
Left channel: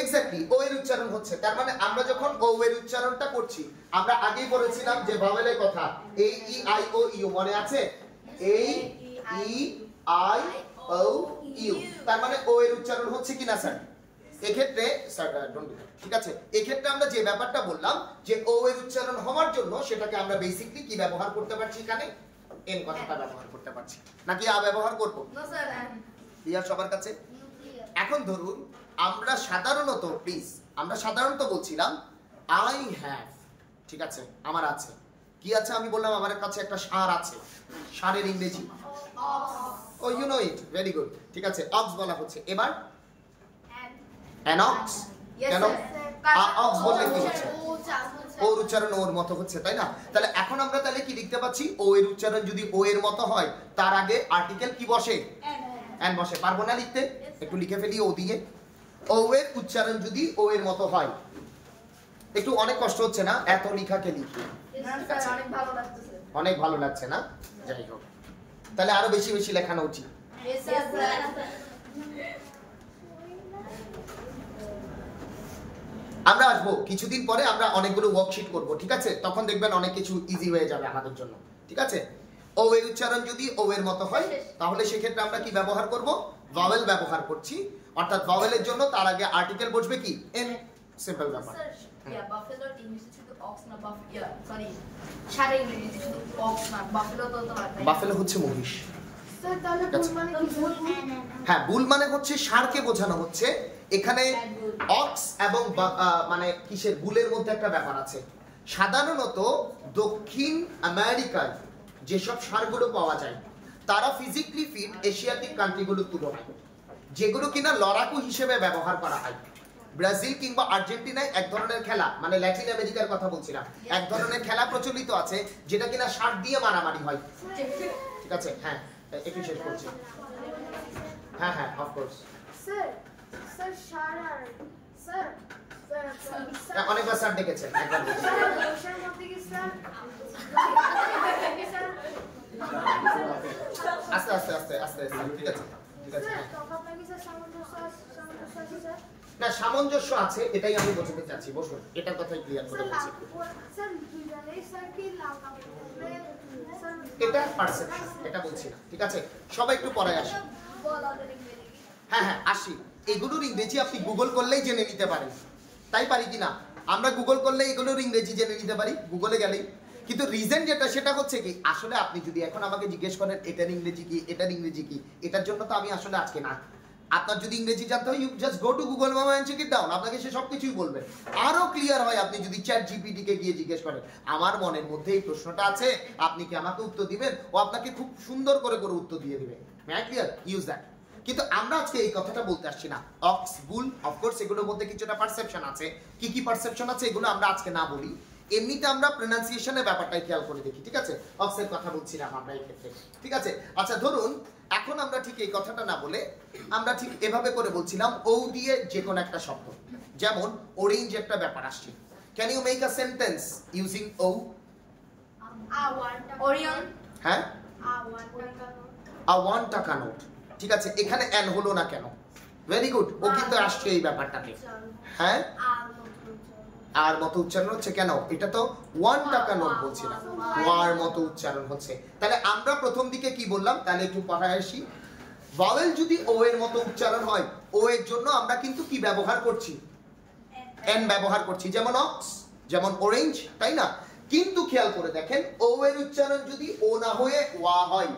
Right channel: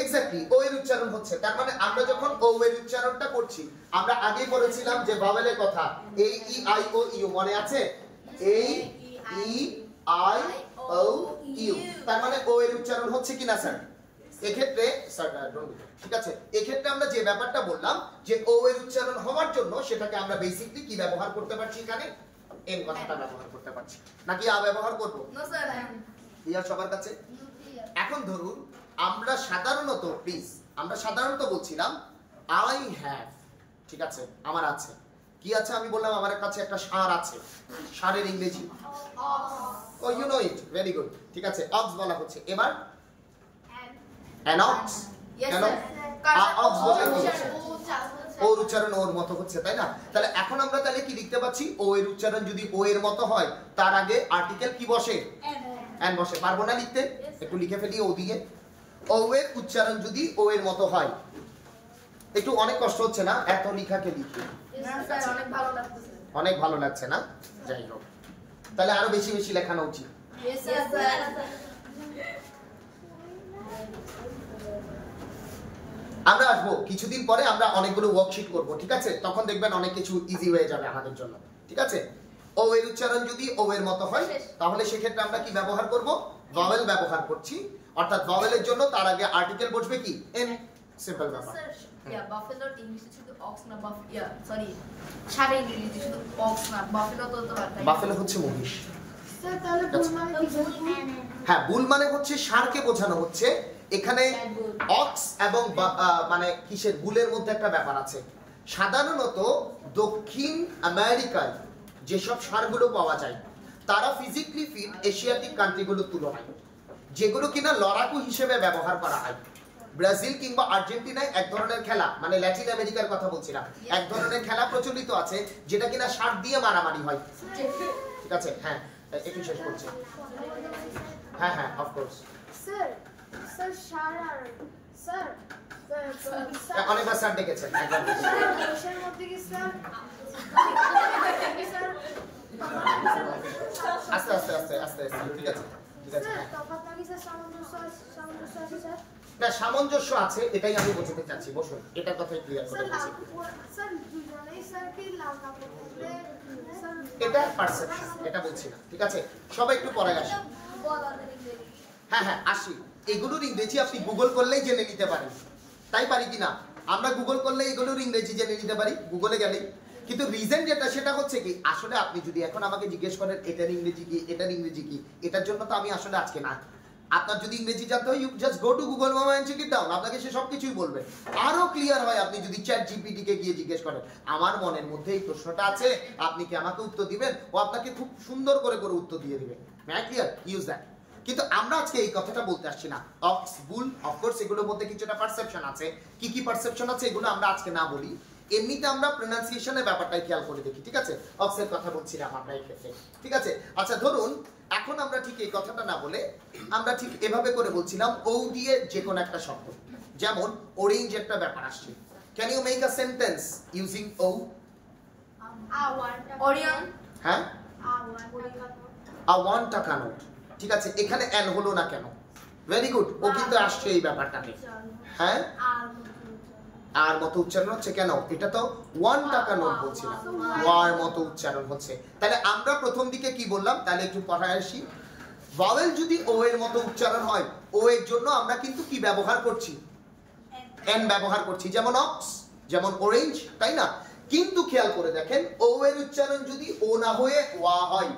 এক্স্যাক্টলি, ও এর উচ্চারণ হচ্ছে। তার মানে আমরা যখন ও এর উচ্চারণটা করছি, আমরা আগেই বলেছিলাম যে ভাওয়েলের কথা, এই ই আই ও ইউ, মনে আছে? এই ই আই ও ইউ, তার মানে ও এর উচ্চারণ হচ্ছে কিনা স্যার? এক্ষেত্রে স্যার ঠিক আছে, এক্ষেত্রে আমরা যে ব্যাপারটা বললাম যে ও এর উচ্চারণ হওয়ার জন্য সেটাকে আমরা বেসিক্যালি কি ব্যবহার করতে পারছি? এখানে এন কথাটা ব্যবহার করতে পারছি, নাকি আ ব্যবহার করব? না স্যার, ক্লিয়ার সবার কাছে? এখন ধরুন আমরা সাধারণত, প্লিজ, আমরা সাধারণত বলছিলাম আই হ্যাভ, ঠিক আছে? আমার আছে। কি আছে? আমি বললাম আমার কাছে একটা ষাঁড় আছে। ষাঁড়ের ইংরেজি? Oh you know it, very good, ঠিক আছে? অক্স বলা হচ্ছে। এবার an ox, কেন? অক্স বলে কি হচ্ছে? ওর উচ্চারণ ওর মতো হচ্ছে, তাই না? তাহলে এখন আমরা তাহলে কি লিখতে পাচ্ছি? ও এর উচ্চারণ যদি ও এর মতো হয়, তার আগে আর্টিকেল কি বসে? এন বসে। পারবো না লিখতে? একটু লিখে ফেলি ও দিয়ে। ও এর উচ্চারণ যদি ও এর মতো হয়, একটু অনেক কষ্ট হচ্ছে না এত লিখাকে লিখে? অনেক ভালো লাগছে না? যাই হোক, তাহলে আরো বেশি বেশি লেখানো উচিত। আমরা আসবো কিছুদিন পরে, আমরা অনেকগুলো ওয়ার্কশিট করব, ঠিক আছে? তখন দেখবেন অনেক কিছু ইজি হয়ে যাবে আমাদের জন্য, ঠিক আছে? ও এর উচ্চারণ যদি ও এর মতো হয়, তাহলে সেক্ষেত্রে আমরা কি ব্যবহার করব? ভাওয়েল ব্যবহার করছি, অর্থাৎ ভাওয়েলের জন্য তার আগে আর্টিকেল বসবে কি? এন। সিম্পল ব্যাপার। বাফেলোর ইংলিশে শুধু অক্স না, সরি, ষাঁড়ের ইংরেজি শুধু অক্স না, বাফেলো তো লাগবে। বাফেলো হচ্ছে মহিষ। স্যার তাহলে বুল মানে কি? হ্যাঁ, বুল মানে হচ্ছে ষাঁড়কে বোঝানো হচ্ছে। এখানে অক্স এবং মানে কিসের, বুলের মধ্যে একটা ব্যাপার আছে। সাধারণত দক্ষিণ আমেরিকায় যেসব ষাঁড়গুলো পাওয়া যায়, তারা ফিজিক্যালি ফিট এশিয়াটিক কান্ট্রিগুলোর তুলনায়, যেগুলো কিনা লড়াকু হিসেবে ব্যবহার করা হয়। ব্রাজিল কিংবা আর্জেন্টিনায় এক ধরনের খেলা, মানে ল্যাটিন আমেরিকার কথা বলছিলাম, এক ধরনের খেলা প্রচলিত আছে যেটা কিনা ষাঁড় দিয়ে মারামারি হয়, ঠিক আছে? হ্যাঁ, একটু শেষ করছি। হ্যাঁ হ্যাঁ, অফকোর্স। স্যার স্যার শারার স্যার অনেকবার স্যার ডেকেছেন, একবার ডেকেছেন। স্যার কোশ্চেন মধ্যে কি স্যার? আস্তে আস্তে আস্তে আস্তে আস্তে, ঠিক আছে, ঠিক আছে। স্যার তফাৎ নাকি স্যার সামঞ্জস্য আছে স্যার? না, সামঞ্জস্য আছে, এটাই আমি বোঝাতে চাচ্ছি। বসুন, এটার কথাই ক্লিয়ার করে স্যার বলছি। স্যার দুজনেই স্যার কি লাল কাপড় পরলে স্যার? এটা পারসেপশন, এটা বলছি না, ঠিক আছে? সবাই একটু পড়ায় আসি। হ্যাঁ হ্যাঁ, আসি। এগুলোর ইংরেজি আপনি গুগল করলেই জেনে নিতে পারেন, তাই পারি কিনা? আমরা গুগল করলে এগুলোর ইংরেজি জেনে নিতে পারি, গুগলে গেলেই। কিন্তু রিজন যেটা সেটা হচ্ছে কি আসলে আপনি যদি এখন আমাকে জিজ্ঞেস করেন এটার ইংরেজি কি এটার ইংরেজি কি, এটার জন্য তো আমি আসলে আজকে না। আপনার যদি ইংরেজি জানতে হয় you just go to Google মামা এন্ড চেক ইট ডাউন, আপনাকে সে সবকিছুই বলবে। আরো ক্লিয়ার হয় আপনি যদি চ্যাট জিপিটি কে গিয়ে জিজ্ঞেস করেন আমার মনের মধ্যে এই প্রশ্নটা আছে, আপনি কি আমাকে উত্তর দিবেন, ও আপনাকে খুব সুন্দর করে উত্তর দিয়ে দিবে। Mac clear, use that. কিন্তু আমরা আজকে এই কথাটা বলতে আসছি না। অক্স বুল অফকোর্স এগুলোর মধ্যে কিছুটা পারসেপশন আছে, কি কি পারসেপশন আছে এগুলো আমরা আজকে না বলি, এমনিতে আমরা প্রোনাউন্সিয়েশনের ব্যাপারটাই খেয়াল করে দেখি, ঠিক আছে? অক্সের কথা বলছিলাম আমরা এই ক্ষেত্রে, ঠিক আছে? আচ্ছা ধরুন এখন আমরা ঠিক এই কথাটা না বলে আমরা ঠিক এভাবে করে বলছিলাম ও দিয়ে যে কোনো একটা শব্দ, যেমন অরেঞ্জ একটা ব্যাপার আসছে। Can you make a sentence using O? Orion. হ্যাঁ, আ 1 টাকা নোট, ঠিক আছে? এখানে এন হলো না কেন? ভেরি গুড, ও কিন্তু আসছে এই ব্যাপারটাকে। হ্যাঁ, আর মতো উচ্চারণ হচ্ছে কেন? এটা তো 1 টাকা নোট বলছিলাম, ওয়ার মতো উচ্চারণ হচ্ছে। তাহলে আমরা প্রথম দিকে কি বললাম, তাহলে একটু পড়ায় আসি। ভাওয়েল যদি ও এর মতো উচ্চারণ হয়, ও এর জন্য আমরা কিন্তু কি ব্যবহার করছি? এন ব্যবহার করছি, যেমন অক্স, যেমন অরেঞ্জ, তাই না? কিন্তু খেয়াল করে দেখেন ও এর উচ্চারণ যদি ও না হয়ে ওয়া হয়,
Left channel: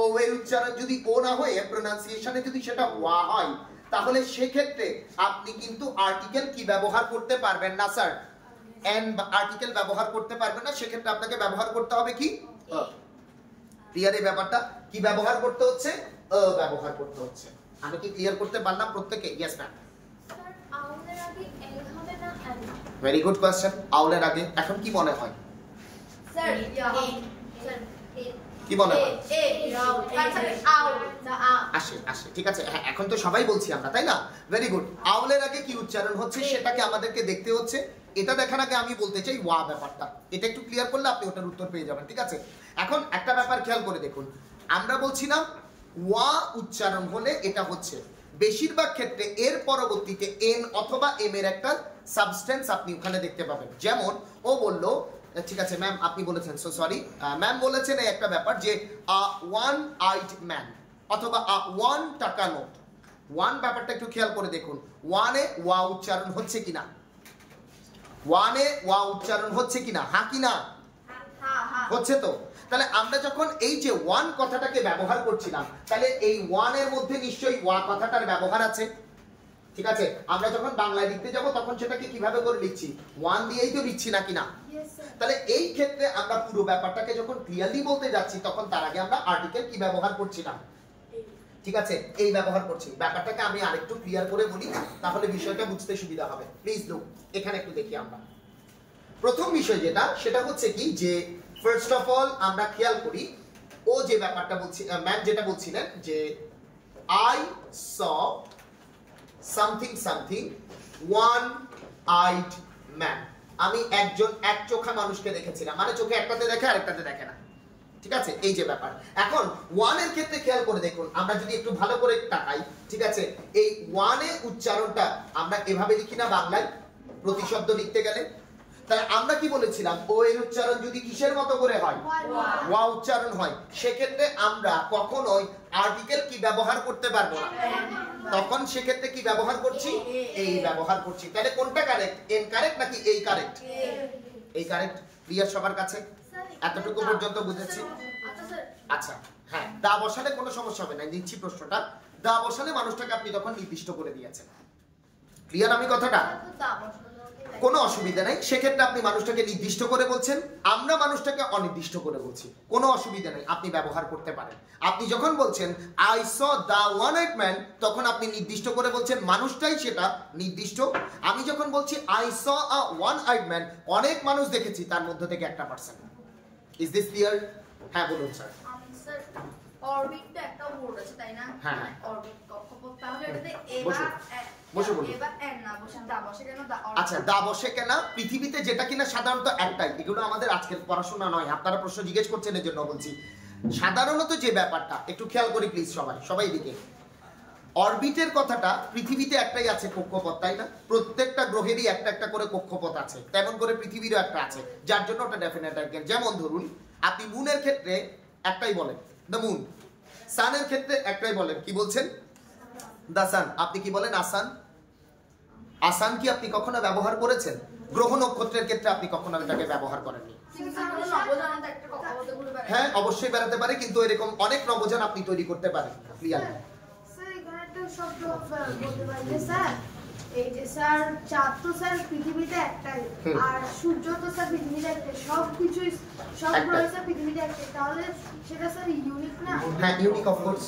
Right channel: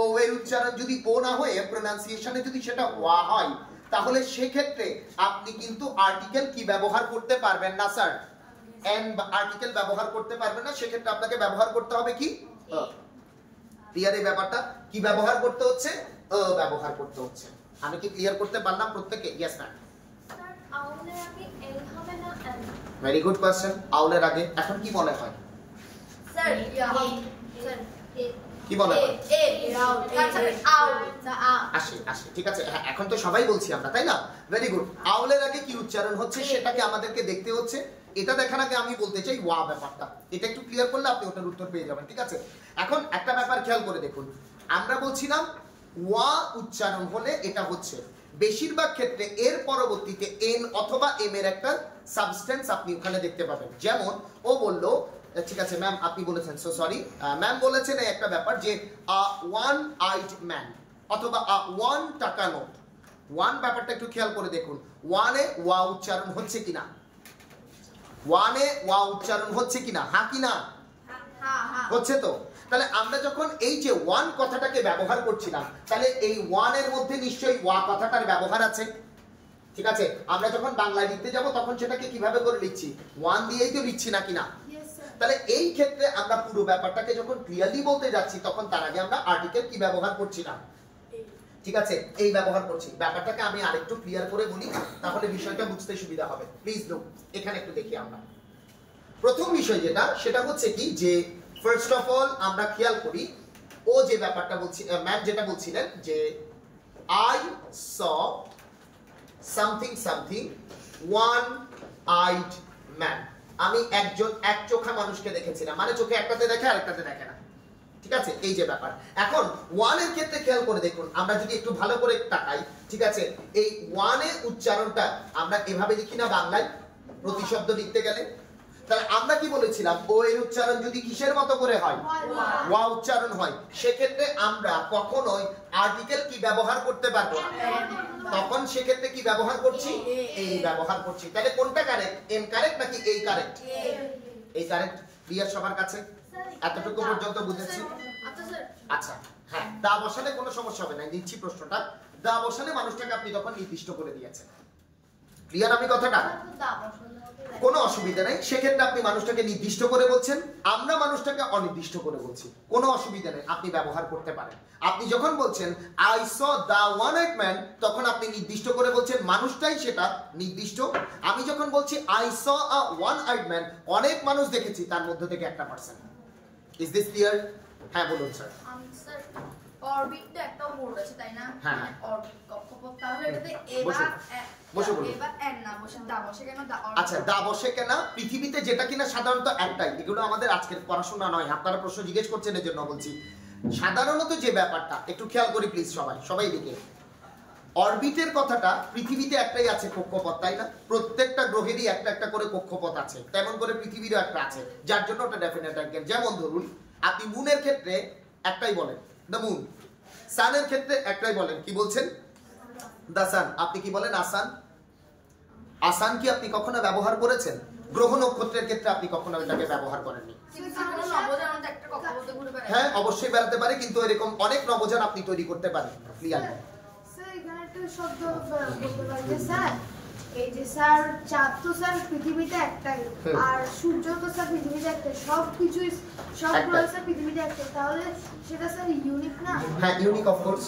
ও এর উচ্চারণ যদি ও না হয়ে প্রোনাউন্সিয়েশনে যদি সেটা ওয়া হয়, তাহলে সেক্ষেত্রে আপনি কিন্তু আর্টিকেল কি ব্যবহার করতে পারবেন না স্যার? এন আর্টিকেল ব্যবহার করতে পারবেন না, সেক্ষেত্রে আপনাকে ব্যবহার করতে হবে কি? ক্লিয়ার এই ব্যাপারটা? কি ব্যবহার করতে হচ্ছে? ব্যবহার করতে হচ্ছে। আমি কি ক্লিয়ার করতে পারলাম প্রত্যেকে? Yes ma'am. আউলের আগে এল হবে না এল? Very good question. আউলের আগে এখন কি মনে হয়? স্যার কি বলে? আসে আসে, ঠিক আছে। হ্যাঁ, এখন তো সবাই বলছি আমরা, তাই না? Very good. আউলের আগে কি উচ্চারণ হচ্ছে সেটাকে আমাদেরকে দেখতে হচ্ছে। এটা দেখার আগে আমি বলতে চাই ওয়া ব্যাপারটা, এটা একটু ক্লিয়ার করলে আপনি ওটার উত্তর পেয়ে যাবেন, ঠিক আছে? এখন একটা ব্যাপার খেয়াল করে দেখুন, আমরা বলছিলাম ওয়া উচ্চারণ হলে এটা হচ্ছে বেশিরভাগ ক্ষেত্রে এর পরবর্তীতে এন অথবা এম এর একটা সাবস্টেন্স আপনি ওখানে দেখতে পাবেন। যেমন ও বলল, ঠিক আছে ম্যাম আপনি বলেছেন, সো সরি ম্যাম বলেছেন এই একটা ব্যাপার যে আ 1 আইড ম্যান অথবা আ 1 টাকা নোট। 1 ব্যাপারটা একটু খেয়াল করে দেখুন, 1 এ ওয়া উচ্চারণ হচ্ছে কিনা, 1 এ ওয়া উচ্চারণ হচ্ছে কিনা, হ্যাঁ কি না? হচ্ছে তো। তাহলে আমরা যখন এই যে 1 কথাটাকে ব্যবহার করছিলাম, তাহলে এই 1 এর মধ্যে নিশ্চয়ই ওয়া কথাটার ব্যবহার আছে, ঠিক আছে? আমরা যখন বাংলায় লিখতে যাব তখন সেটাকে কিভাবে করে লিখছি? 1 দিয়েই তো লিখছি নাকি না? তাহলে এই ক্ষেত্রে আমরা পুরো ব্যাপারটাকে যখন ক্লিয়ারলি বলতে যাচ্ছি তখন তার আগে আমরা আর্টিকেল কি ব্যবহার করছি না, ঠিক আছে? এই ব্যবহার করছি। ব্যাপারটাকে আমি আরেকটু ক্লিয়ার করে বলি, তাহলে বিষয়টা বুঝতে সুবিধা হবে। প্লিজ লুক, এখানে একটু দেখি আমরা। প্রথম বিষয় যেটা সেটা হচ্ছে কি যে ফার্স্ট অফ অল আমরা খেয়াল করি ও যে ব্যাপারটা বলছি, ম্যাম যেটা বলছিলেন যে I saw something something 1 eyed man, আমি একজন এক চোখা মানুষকে দেখেছিলাম, মানে চোখে একটাতে দেখে আরেকটাতে দেখে না, ঠিক আছে? এই যে ব্যাপার। এখন 1 এর ক্ষেত্রে খেয়াল করে দেখুন, আমরা যদি একটু ভালো করে তাকাই, ঠিক আছে? এই 1 এর উচ্চারণটা আমরা এভাবে লিখি না বাংলায় প্রতিশব্দ লিখতে গেলে? তাহলে আমরা কি বলেছিলাম ও এর উচ্চারণ যদি কিসের মতো করে হয়? ওয়া উচ্চারণ হয়, সেক্ষেত্রে আমরা কখনোই আর্টিকেল কি ব্যবহার করতে পারবো না, তখন সেক্ষেত্রে কি ব্যবহার করছি? এই ব্যবহার করছি। তাহলে কোনটা কারেক্ট? এন কারেক্ট নাকি এই কারেক্ট? এই কারেক্ট। ক্লিয়ার সবার কাছে? এতটুকু পর্যন্ত বুঝেছি? আচ্ছা হ্যাঁ, দা বসালে কোনো সমস্যা হবে না, নিচ্ছি প্রশ্নটা। দা বসালে মানুষটাকে আপনি তখন নির্দিষ্ট করে দিয়েছেন। ক্লিয়ার আমি কথাটা? কোনো অসুবিধা নেই, সেক্ষেত্রে আপনি মানুষটাকে নির্দিষ্ট করে বলছেন, আমরা মানুষটাকে অনির্দিষ্ট করে বলছি, কোনো অসুবিধা নেই, আপনি ব্যবহার করতে পারেন। আপনি যখন বলছেন I saw the 1 eyed man, তখন আপনি নির্দিষ্ট করে বলছেন, মানুষটাই সেটা নির্দিষ্ট। আমি যখন বলছি I saw a 1 eyed man, অনেক মানুষ দেখেছি, তার মধ্যে থেকে একটা পার্সন। Is this clear? হ্যাঁ বলুন স্যার। অরবিট তো একটা ওয়ার্ড আছে তাই না? হ্যাঁ হ্যাঁ, অরবিট কক্ষপথ, তাহলে এটাতে বসে বলুন। এবার এন না বসে দা বসে কেন? আচ্ছা দা বসে কেন? পৃথিবীতে যেটা কিনা সাধারণত একটাই, এগুলো আমাদের আজকের পড়াশোনা নয়, আপনারা প্রশ্ন জিজ্ঞেস করছেন এর জন্য বলছি। সাধারণত যে ব্যাপারটা একটু খেয়াল করি প্লিজ, সবাই দিকে। অরবিটের কথাটা পৃথিবীতে একটাই আছে, কক্ষপথ, তাই না? প্রত্যেকটা গ্রহেরই একটা একটা করে কক্ষপথ আছে, তেমন করে পৃথিবীরও একটা আছে, যার জন্য ওটা ডেফিনেট আইটেম। যেমন ধরুন আপনি মুনের ক্ষেত্রে একটাই বলেন দ্য মুন, সানের ক্ষেত্রে একটাই বলেন, কি বলছেন? The sun. আপনি কি বলেন? আসান। আসান কি আপনি কখনো ব্যবহার করেছেন? গ্রহ নক্ষত্রের ক্ষেত্রে আপনি কখনো এটাকে ব্যবহার করেননি। হ্যাঁ অবশ্যই বেড়াতে পারে, কিন্তু এরকম অনেক নবজান আপনি তৈরি করতে পারেন। ক্লিয়ার? স্যার এখানে একটা শব্দ বলতে পারি যে স্যার এই যে স্যার চাঁদ তো স্যার পৃথিবীতে একটাই, আর সূর্য তো স্যার পৃথিবীতে একটাই, সবকিছুই সবগুলো স্যার পৃথিবীতে একটাই, তাহলে সেটা স্যার ইউনিক না? হ্যাঁ ইউনিক, অফ কোর্স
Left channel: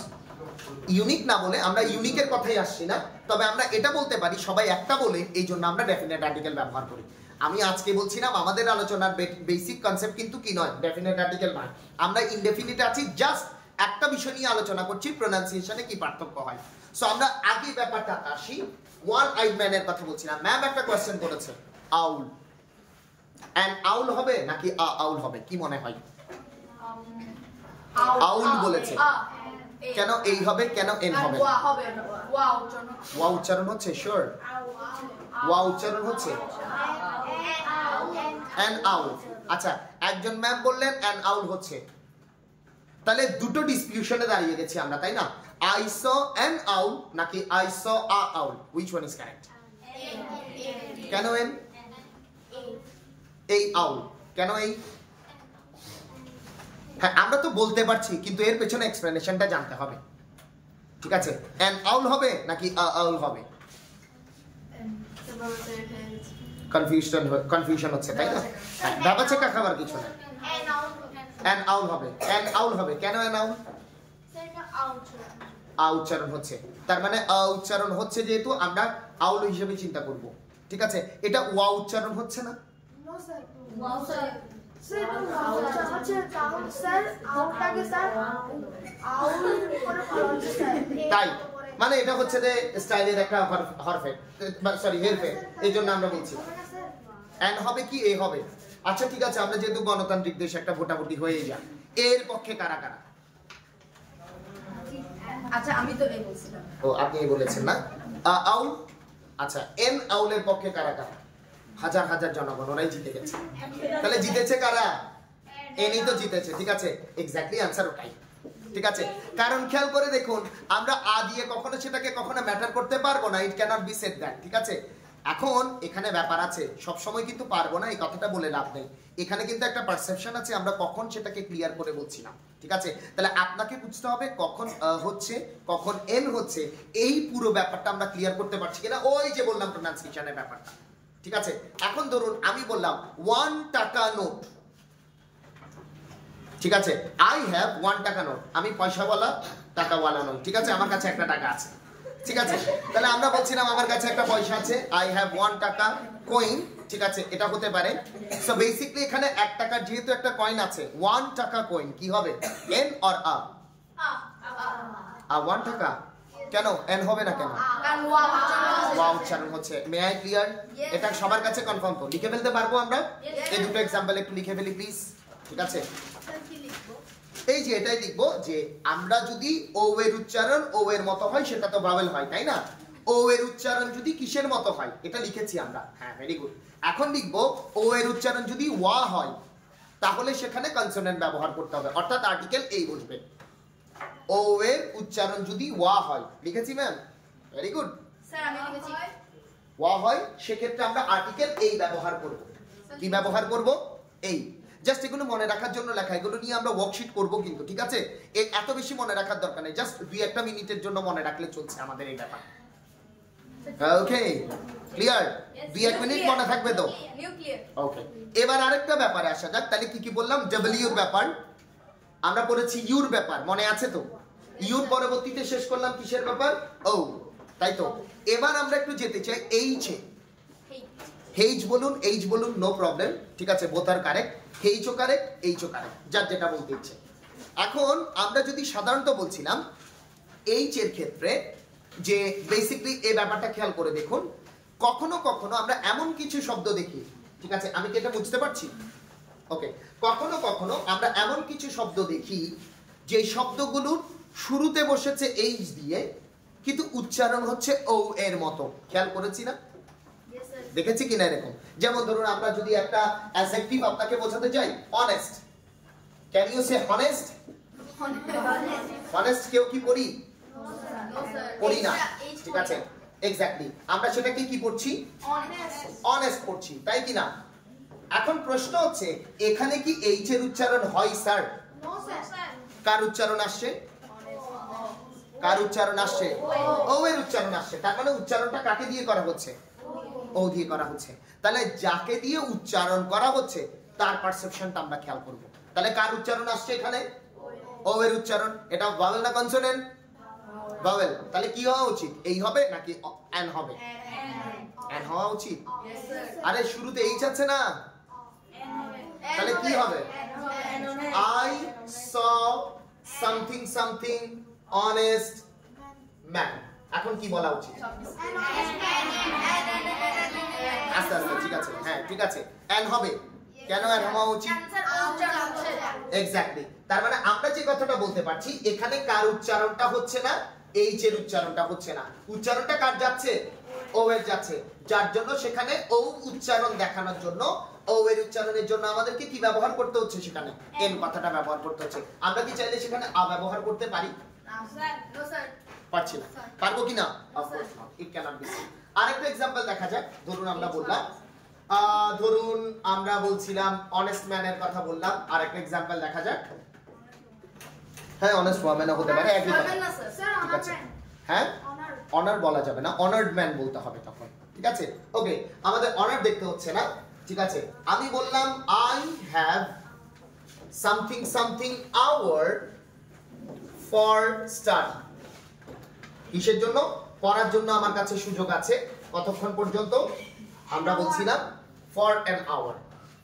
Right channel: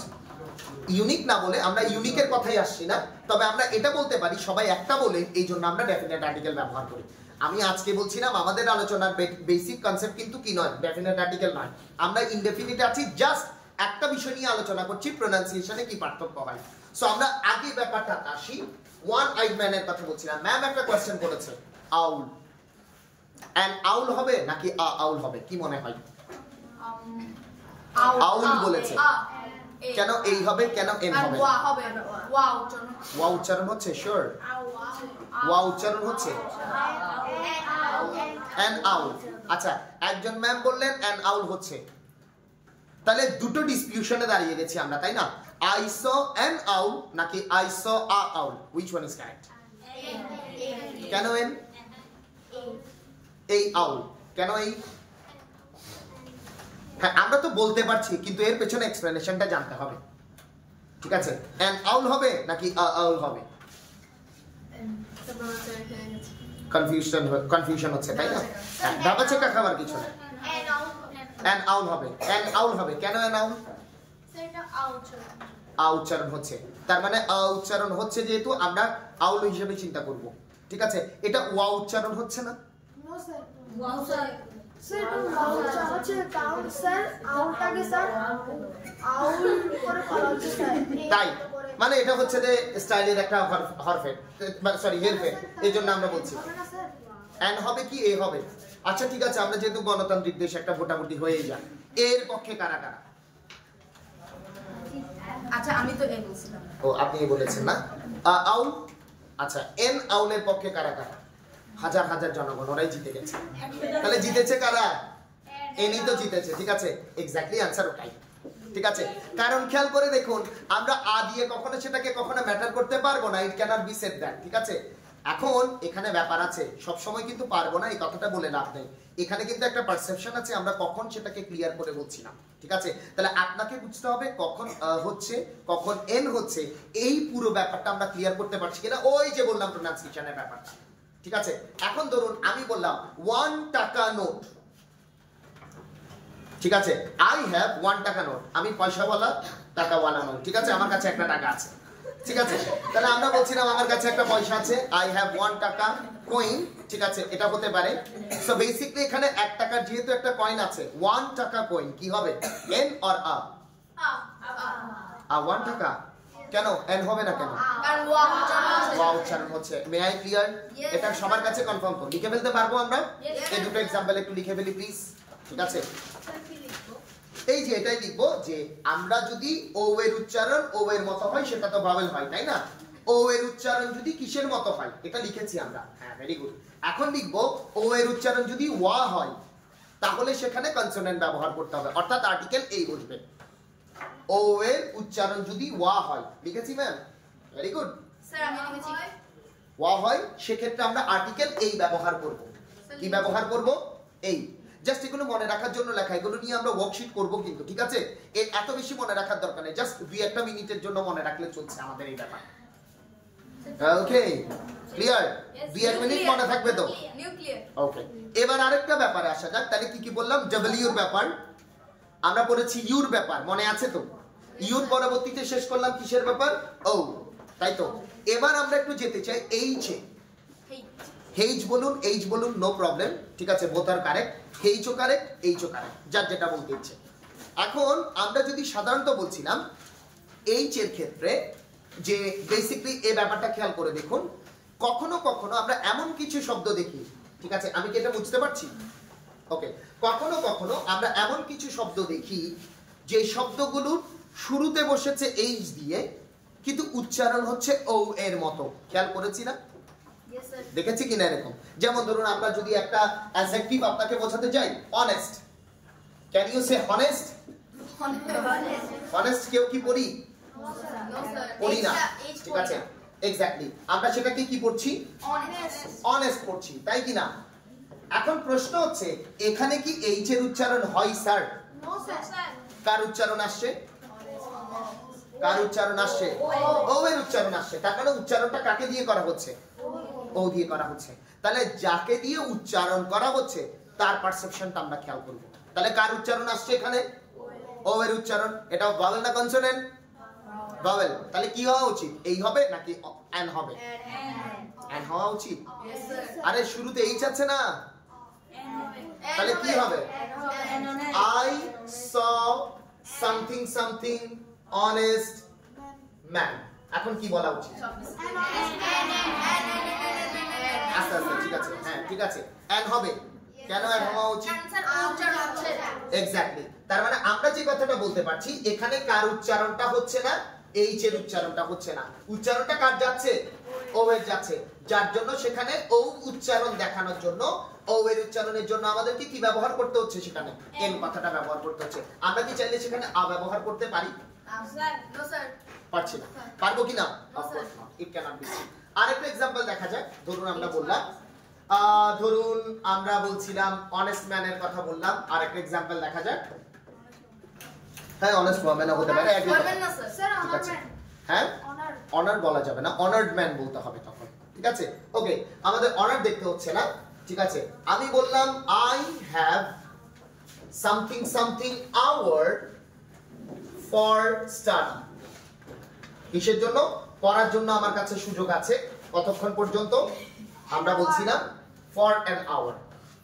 ইউনিক না বলে আমরা ইউনিকের কথাই আসছি না, তবে আমরা এটা বলতে পারি সবাই একটা বলে, এই জন্য আমরা ডেফিনেট আর্টিকেল ব্যবহার করি। আমি আজকে বলছিলাম আমাদের আলোচনার বেসিক কনসেপ্ট কিন্তু কি নয়, ডেফিনেট আর্টিকেল নয়, আমরা ইনডেফিনিট আছি, জাস্ট একটা বিষয় নিয়ে আলোচনা করছি, প্রোনাউন্সিয়েশনে কি পার্থক্য হয়। সো আমরা আগে ব্যাপারটা আসি, ওয়ান আইড ম্যানের কথা বলছিলাম। ম্যাম একটা কোশ্চেন করেছে, আউল এন্ড আউল হবে নাকি আউল হবে, কি মনে হয়? আউল বলেছে, কেন এই হবে, কেন এন হবে? ওয়া উচ্চারণ হচ্ছে, শিওর ওয়া উচ্চারণ হচ্ছে এন আউল। আচ্ছা একজন ম্যাম বললেন এন আউল হচ্ছে, তাহলে দুটো ডিসপিউশনে দাঁড়িয়ে গেছি আমরা, তাই না? আই স এন আউল নাকি I saw a owl, which one is correct? কেন এন? এই আউল কেন এই? হ্যাঁ আমরা তো বলতে পারছি, কিন্তু এর পেছনে এক্সপ্লেনেশনটা জানতে হবে, ঠিক আছে? এন আউল হবে নাকি আউল হবে? কনফিউশন হচ্ছে, তাই না? দাবা চেকা খাবার কিছু না, এন আউল হবে, এন আউল হবে, কেন এন আউল? উচ্চারণ হচ্ছে, তার মানে উচ্চারণ হচ্ছে, যেহেতু আমরা আউল হিসেবে চিন্তা করব, ঠিক আছে? এটা ওয়া উচ্চারণ হচ্ছে না? তাই মানে এটা হচ্ছে যে স্টাইলের একটা হরফের, সরি হেরফের, এই জন্য আমরা বলছি এন হবে কি এ হবে। আচ্ছা ঠিক আছে, আমরা যেহেতু গণতান্ত্রিক দেশ, একটা ভোটাভুটি হয়ে যায়, এর পক্ষে কারা কারা? আচ্ছা আমি তো এই বলছিলাম। ও আপনি বলেছেন না আউল। আচ্ছা এন আউলের পক্ষে কারা কারা? হাজার হাজার জনগণ, ওরাই জিতে গেছে। তাহলে জিতেছে কারা? এনই তো জিতেছে, ঠিক আছে? এক্স্যাক্টলি আনসার ওটাই, ঠিক আছে? কারণ খেয়াল করে দেখুন, আমরা আ দিয়ে কখনো সেটাকে কখনো ম্যাটার করতে পারবো না, ইট ক্যানট বি সেড দ্যাট, ঠিক আছে? এখন এখানে ব্যাপার আছে, সব সময় কিন্তু পারবো না এই কথাটা বলে লাভ নেই, এখানে কিন্তু একটা পারসেপশন আছে, আমরা কখন সেটাকে ক্লিয়ার করে বলছি না, ঠিক আছে? তাহলে আপনাকে বুঝতে হবে কখন হচ্ছে, কখন এন হচ্ছে, এই পুরো ব্যাপারটা আমরা ক্লিয়ার করতে পারছি কিনা, ওই যে বললাম প্রোনাউন্সিয়েশনের ব্যাপারটা, ঠিক আছে? এখন ধরুন আমি বললাম 1 টাকা নোট, ঠিক আছে? আই হ্যাভ 1 টাকা নোট, আমি পয়সাওয়ালা, টাকাওয়ালা নই, ঠিক আছে? আমার কাছে একটা টাকা আছে, ঠিক আছে? তাহলে আমরা বলছিলাম আমার কাছে একটা পয়সা আছে, আই হ্যাভ 1 টাকা কয়েন, ঠিক আছে? এটা হতে পারে। সো বেসিক্যালি এখানে 1 টাকার যেহেতু একটা কয়েন আছে, 1 টাকা কয়েন কি হবে, এন অর আ? 1 টাকা, কেন এন হবে না কেন? ওয়া উচ্চারণ হচ্ছে। May I clear? এটা সবার কাছে কনফার্ম তো, লিখে ফেলতে পারবো আমরা? এই দুটো एग्जांपल একটু লিখে ফেলি প্লিজ, ঠিক আছে? এই যে এটাই লিখবো যে আমরা যদি ও এর উচ্চারণ ও এর মতো হয় সেটা তো ভাওয়েল হয়, তাই না? ও এর উচ্চারণ যদি কিসের মতো হয়, এটা লিখেছি আমরা। হ্যাঁ ভেরি গুড। এখন লিখবো ও এর উচ্চারণ যদি ওয়া হয়, তাহলে সেখানে কনসোনেন্ট ব্যবহার করতে হবে, অর্থাৎ আর্টিকেল এই বসবে। ও এর উচ্চারণ যদি ওয়া হয়, লিখেছি ম্যাম? Very good. স্যার আমি লিখেছি ওয়া হয়, সেক্ষেত্রে আমরা আর্টিকেল এই ব্যবহার করব। কি ব্যবহার করব? এই। জাস্ট এগুলো মনে রাখার জন্য লেখা, এগুলো নিয়ে আমরা ওয়ার্কশিট করব কিন্তু, ঠিক আছে? এত বেশি মনে রাখার দরকার নেই, জাস্ট 2-1 মিনিটের জন্য মনে রাখলে চলছে আমাদের এই ব্যাপার। Okay clear? 2-1 মিনিট মনে থাকবে তো? ওকে, এবার আরেকটা ব্যাপারে আসা যাক। তাহলে কি কি বললাম? ডব্লিউর ব্যাপার আমরা পড়েছি, ইউর ব্যাপার মনে আছে তো? ইউর পরবর্তীতে শেষ করলাম কিসের ব্যাপার? ও, তাই তো? এবার আমরা একটু যেতে চাই এইচ এ। হেইজ বলুন, এইচ বলুন, নো প্রবলেম, ঠিক আছে? বোথ আর কারেক্ট। হেইচও কারেক্ট, এইচও কারেক্ট, যার যেটা বলতে ইচ্ছে। এখন আমরা যদি সাধারণত বলছিলাম এইচ এর ক্ষেত্রে, যে বেসিক্যালি এই ব্যাপারটা খেয়াল করে দেখুন, কখনো কখনো আমরা এমন কিছু শব্দ দেখি, ঠিক আছে? আমি কি এটা বুঝতে পারছি? ওকে, কখনো কখনো আমরা এমন কিছু শব্দ দেখি যে শব্দগুলোর শুরুতে বসেছে এইচ দিয়ে, কিন্তু উচ্চারণ হচ্ছে ও এর মতো। খেয়াল করেছি না? দেখেছি কিনা এরকম? যেমন ধরুন আমরা যদি একটা অ্যাডজেক্টিভ আপনাকে বোঝাতে যাই, honest, can you say honest? Honest কেউ কি পড়ি? পড়ি না, ঠিক আছে? এক্স্যাক্টলি আমরা সেটাকে কি পড়ছি অনেস্ট পড়ছি তাই কি না এখন প্রশ্ন হচ্ছে এখানে কি এইচ এর উচ্চারণ হয় স্যার নো স্যার কার উচ্চারণ আসছে কার উচ্চারণ আসছে ও এর উচ্চারণ আসছে তার মানে উচ্চারণটা কাকে দিয়ে করা হচ্ছে ও দিয়ে করা হচ্ছে তাহলে যাকে দিয়ে উচ্চারণ করা হচ্ছে তার পারসেপশনটা আমরা খেয়াল করব তাহলে কার উচ্চারণ আসছে এখানে ও এর উচ্চারণ এটা ভাওয়েল না কনসোনেন্ট ভাওয়েল তাহলে কি হওয়া উচিত এই হবে নাকি এন হবে এন হওয়া উচিত আরে শুরুতে এইচ আছে না তাহলে কি হবে I saw something something honest man এখন কি বলা উচিত আচ্ছা আচ্ছা ঠিক আছে হ্যাঁ ঠিক আছে এন হবে কেন এন হওয়া উচিত এক্স্যাক্টলি তার মানে আমরা যে কথাটা বলতে পারছি এখানে কার উচ্চারণটা হচ্ছে না এইচ এর উচ্চারণটা হচ্ছে না উচ্চারণটা কার যাচ্ছে ও এর যাচ্ছে যার জন্য সেখানে ও উচ্চারণ দেখানোর জন্য ও এর উচ্চারণের জন্য আমাদেরকে কি ব্যবহার করতে হচ্ছে সেখানে এন কথাটা ব্যবহার করতে হচ্ছে আমরা কি চাইলে সেখানে আ ব্যবহার করতে পারি পারছি না পারবো কি না of course not it can't be আরেকটা एग्जांपल দেখা যাক ধরুন আমরা বললাম ধরুন আমরা বলছিলাম অনেস্ট ম্যানের কথা বললাম আরেকটা एग्जांपल দেখা যাক হ্যাঁ অনেস্ট ওয়ামেন হতে পারে একই কথা স্যার ঠিক আছে অনার হ্যাঁ অনার অনার বলা যাবে না অনার্ড ম্যান বলতে হবে তখন ঠিক আছে ওকে আমাদের অনার দেখতে হচ্ছে না ঠিক আছে আমি বললাম I have something something hour for study কিসের জন্য পড়ার জন্য আমার কাছে সুযোগ আছে কতক্ষণ পর্যন্ত আমরা বলছিলাম for an hour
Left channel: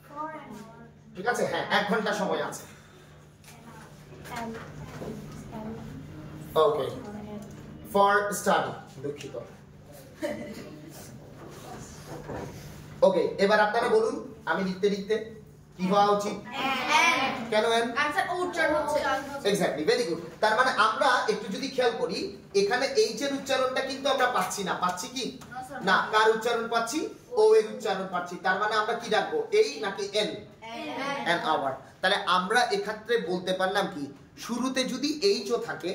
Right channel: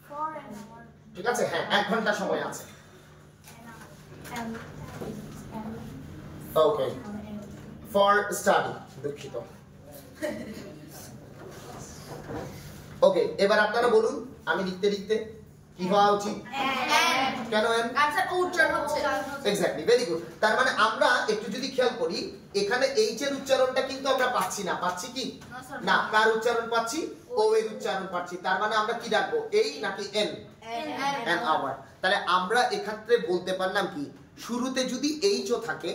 for honour ঠিক আছে হ্যাঁ 1 ঘন্টা সময় আছে ওকে ফর স্টাডি দুঃখিত ওকে এবার আপনারা বলুন আমি লিখতে লিখতে কি হওয়া উচিত কেন এন এক্স্যাক্টলি ভেরি গুড তার মানে আমরা একটু যদি খেয়াল করি এখানে এইচ এর উচ্চারণটা কিন্তু আমরা পাচ্ছি না পাচ্ছি কি না কার উচ্চারণ পাচ্ছি ও এর উচ্চারণ পাচ্ছি তার মানে আমরা কি রাখবো এই নাকি এন এন আওয়ার তাহলে আমরা এক্ষেত্রে বলতে পারলাম কি শুরুতে যদি এইচ ও থাকে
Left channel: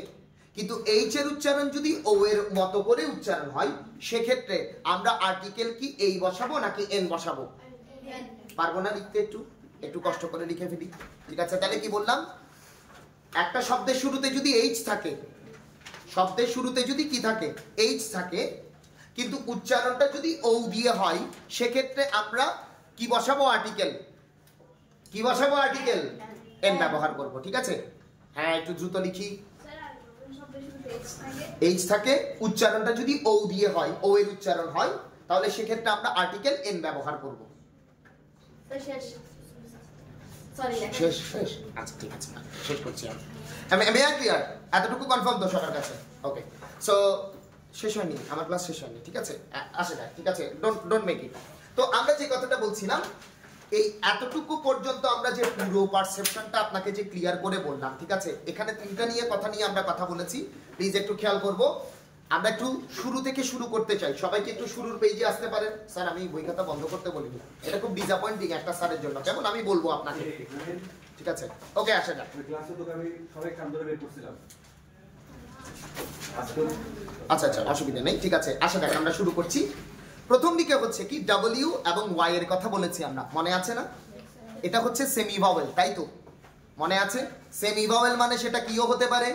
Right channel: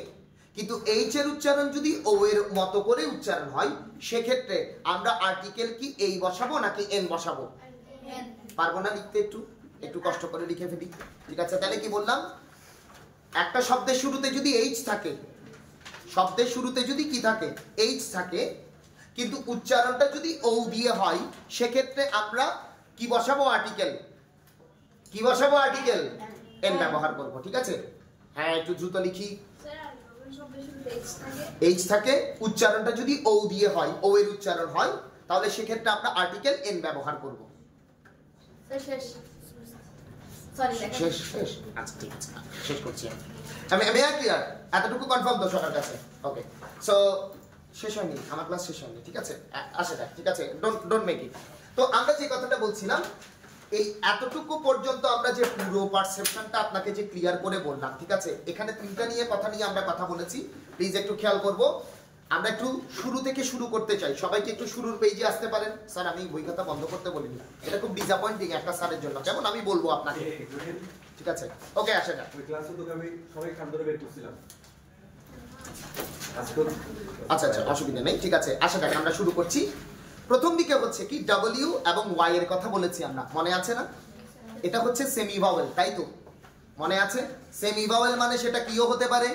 কিন্তু এইচ এর উচ্চারণ যদি ও এর মতো করে উচ্চারণ হয় সেক্ষেত্রে আমরা আর্টিকেল কি এই বসাবো নাকি এন বসাবো পারবো না লিখতে একটু একটু কষ্ট করে লিখে ফেলি ঠিক আছে তাহলে কি বললাম একটা শব্দের শুরুতে যদি এইচ থাকে শব্দের শুরুতে যদি কি থাকে এইচ থাকে কিন্তু উচ্চারণটা যদি ও দিয়ে হয় সেক্ষেত্রে আমরা কি বসাবো আর্টিকেল কি বসাবো আর্টিকেল এন ব্যবহার করব ঠিক আছে হ্যাঁ একটু দ্রুত লিখি এইচ থাকে উচ্চারণটা যদি ও দিয়ে হয় ও এর উচ্চারণ হয় তাহলে সেক্ষেত্রে আমরা আর্টিকেল এন ব্যবহার করব শেষ শেষ আচ্ছা ঠিক আছে শেষ করছি আমি ক্লিয়ার এতটুকু কনফার্ম তো সবার কাছে ওকে সো শেষ হয়নি আমার ক্লাস শেষ হয়নি ঠিক আছে আসে যাক ঠিক আছে ডোন্ট মেক ইট তো আমরা যে কথাটা বলছিলাম এই এতটুকু পর্যন্ত আমরা যে পুরো পারসেপশনটা আপনাকে যে ক্লিয়ার করে বললাম ঠিক আছে এখানে তিনটা নিয়ে আমরা কথা বলেছি প্লিজ একটু খেয়াল করব আমরা একটু শুরু থেকে শুরু করতে চাই সবাইকে একটু শুরুর পেজে আসতে পারেন স্যার আমি বই খাতা বন্ধ করতে বলিনি এটা খুব ডিসঅ্যাপয়েন্টিং একটা স্যারের জন্য কেমন আমি বলবো আপনাকে ঠিক আছে ওকে আসে যাক ওই ক্লাসে তো আমি সবাই কান ধরে বের করছিলাম আচ্ছা আচ্ছা অসুবিধা নেই ঠিক আছে আসে যাক আমরা শুরু করছি প্রথম দিকে হচ্ছে কি ডব্লিউ এবং ওয়াই এর কথা বলেছি আমরা মনে আছে না এটা হচ্ছে সেমি ভাওয়েল তাই তো মনে আছে সেমি ভাওয়েল মানে সেটা কিও হতে পারে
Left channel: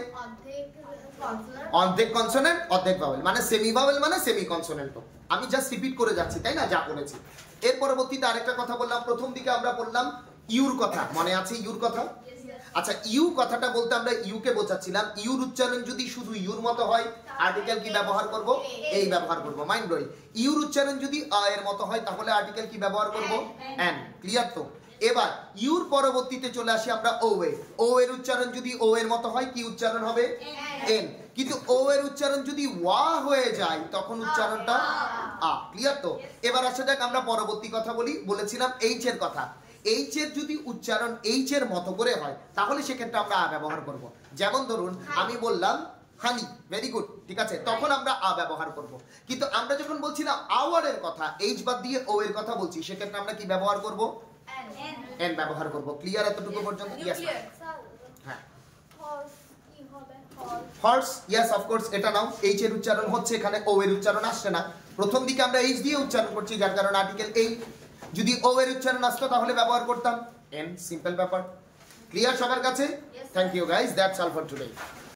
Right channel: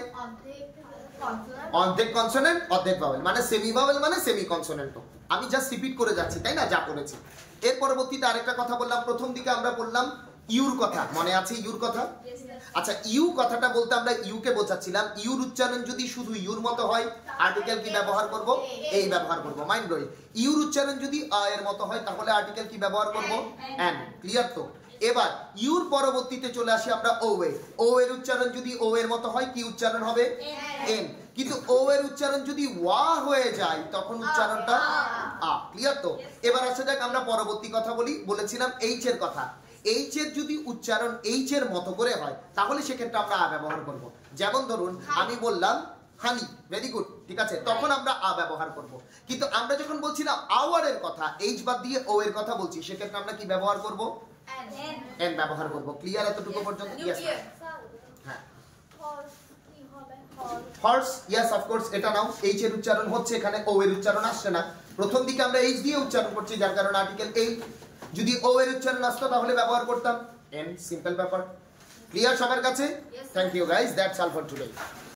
অর্ধেক কনসোনেন্ট অর্ধেক ভাওয়েল মানে সেমি ভাওয়েল মানে সেমি কনসোনেন্ট আমি জাস্ট রিপিট করে যাচ্ছি তাই না যা করেছি এর পরবর্তীতে আরেকটা কথা বললাম প্রথম দিকে আমরা বললাম ইউর কথা মনে আছে ইউর কথা আচ্ছা ইউ কথাটা বলতে আমরা ইউ কে বোঝাচ্ছিলাম ইউর উচ্চারণ যদি শুধু ইউর মতো হয় আর্টিকেল কি ব্যবহার করব এই ব্যবহার করব মাইন্ড ব্লোয়িং ইউর উচ্চারণ যদি আ এর মতো হয় তাহলে আর্টিকেল কি ব্যবহার করব এন ক্লিয়ার তো এবার ইউর পরবর্তীতে চলে আসি আমরা ও এর উচ্চারণ যদি ও এর মতো হয় কি উচ্চারণ হবে এন কিন্তু ও এর উচ্চারণ যদি ওয়া হয়ে যায় তখন উচ্চারণটা আ ক্লিয়ার তো এবার আসা যাক আমরা পরবর্তী কথা বলেছিলাম এইচ এর কথা এইচ এর যদি উচ্চারণ এইচ এর মতো করে হয় তাহলে সেক্ষেত্রে আমরা আ ব্যবহার করব যেমন ধরুন আমি বললাম হানি ভেরি গুড ঠিক আছে তখন আমরা আ ব্যবহার করব কিন্তু আমরা যখন বলছিলাম আওয়ার এর কথা এইচ বাদ দিয়ে ও এর কথা বলছি সেক্ষেত্রে আমরা কি ব্যবহার করব এন ব্যবহার করব ক্লিয়ার এতটুকু পর্যন্ত ইয়েস হ্যাঁ হর্স, ইয়েস অফকোর্স এটা নাও। এইচ এর উচ্চারণ হচ্ছে, এখানে ও এর উচ্চারণ আসছে না। প্রথম দিকে আমরা এইচ দিয়ে উচ্চারণ করছি, যার কারণে আর্টিকেল এই। যদি ও এর উচ্চারণ আসতো তাহলে ব্যবহার করতাম এন। সিম্পল ব্যাপার। ক্লিয়ার সবার কাছে? Thank you guys, that's all for today.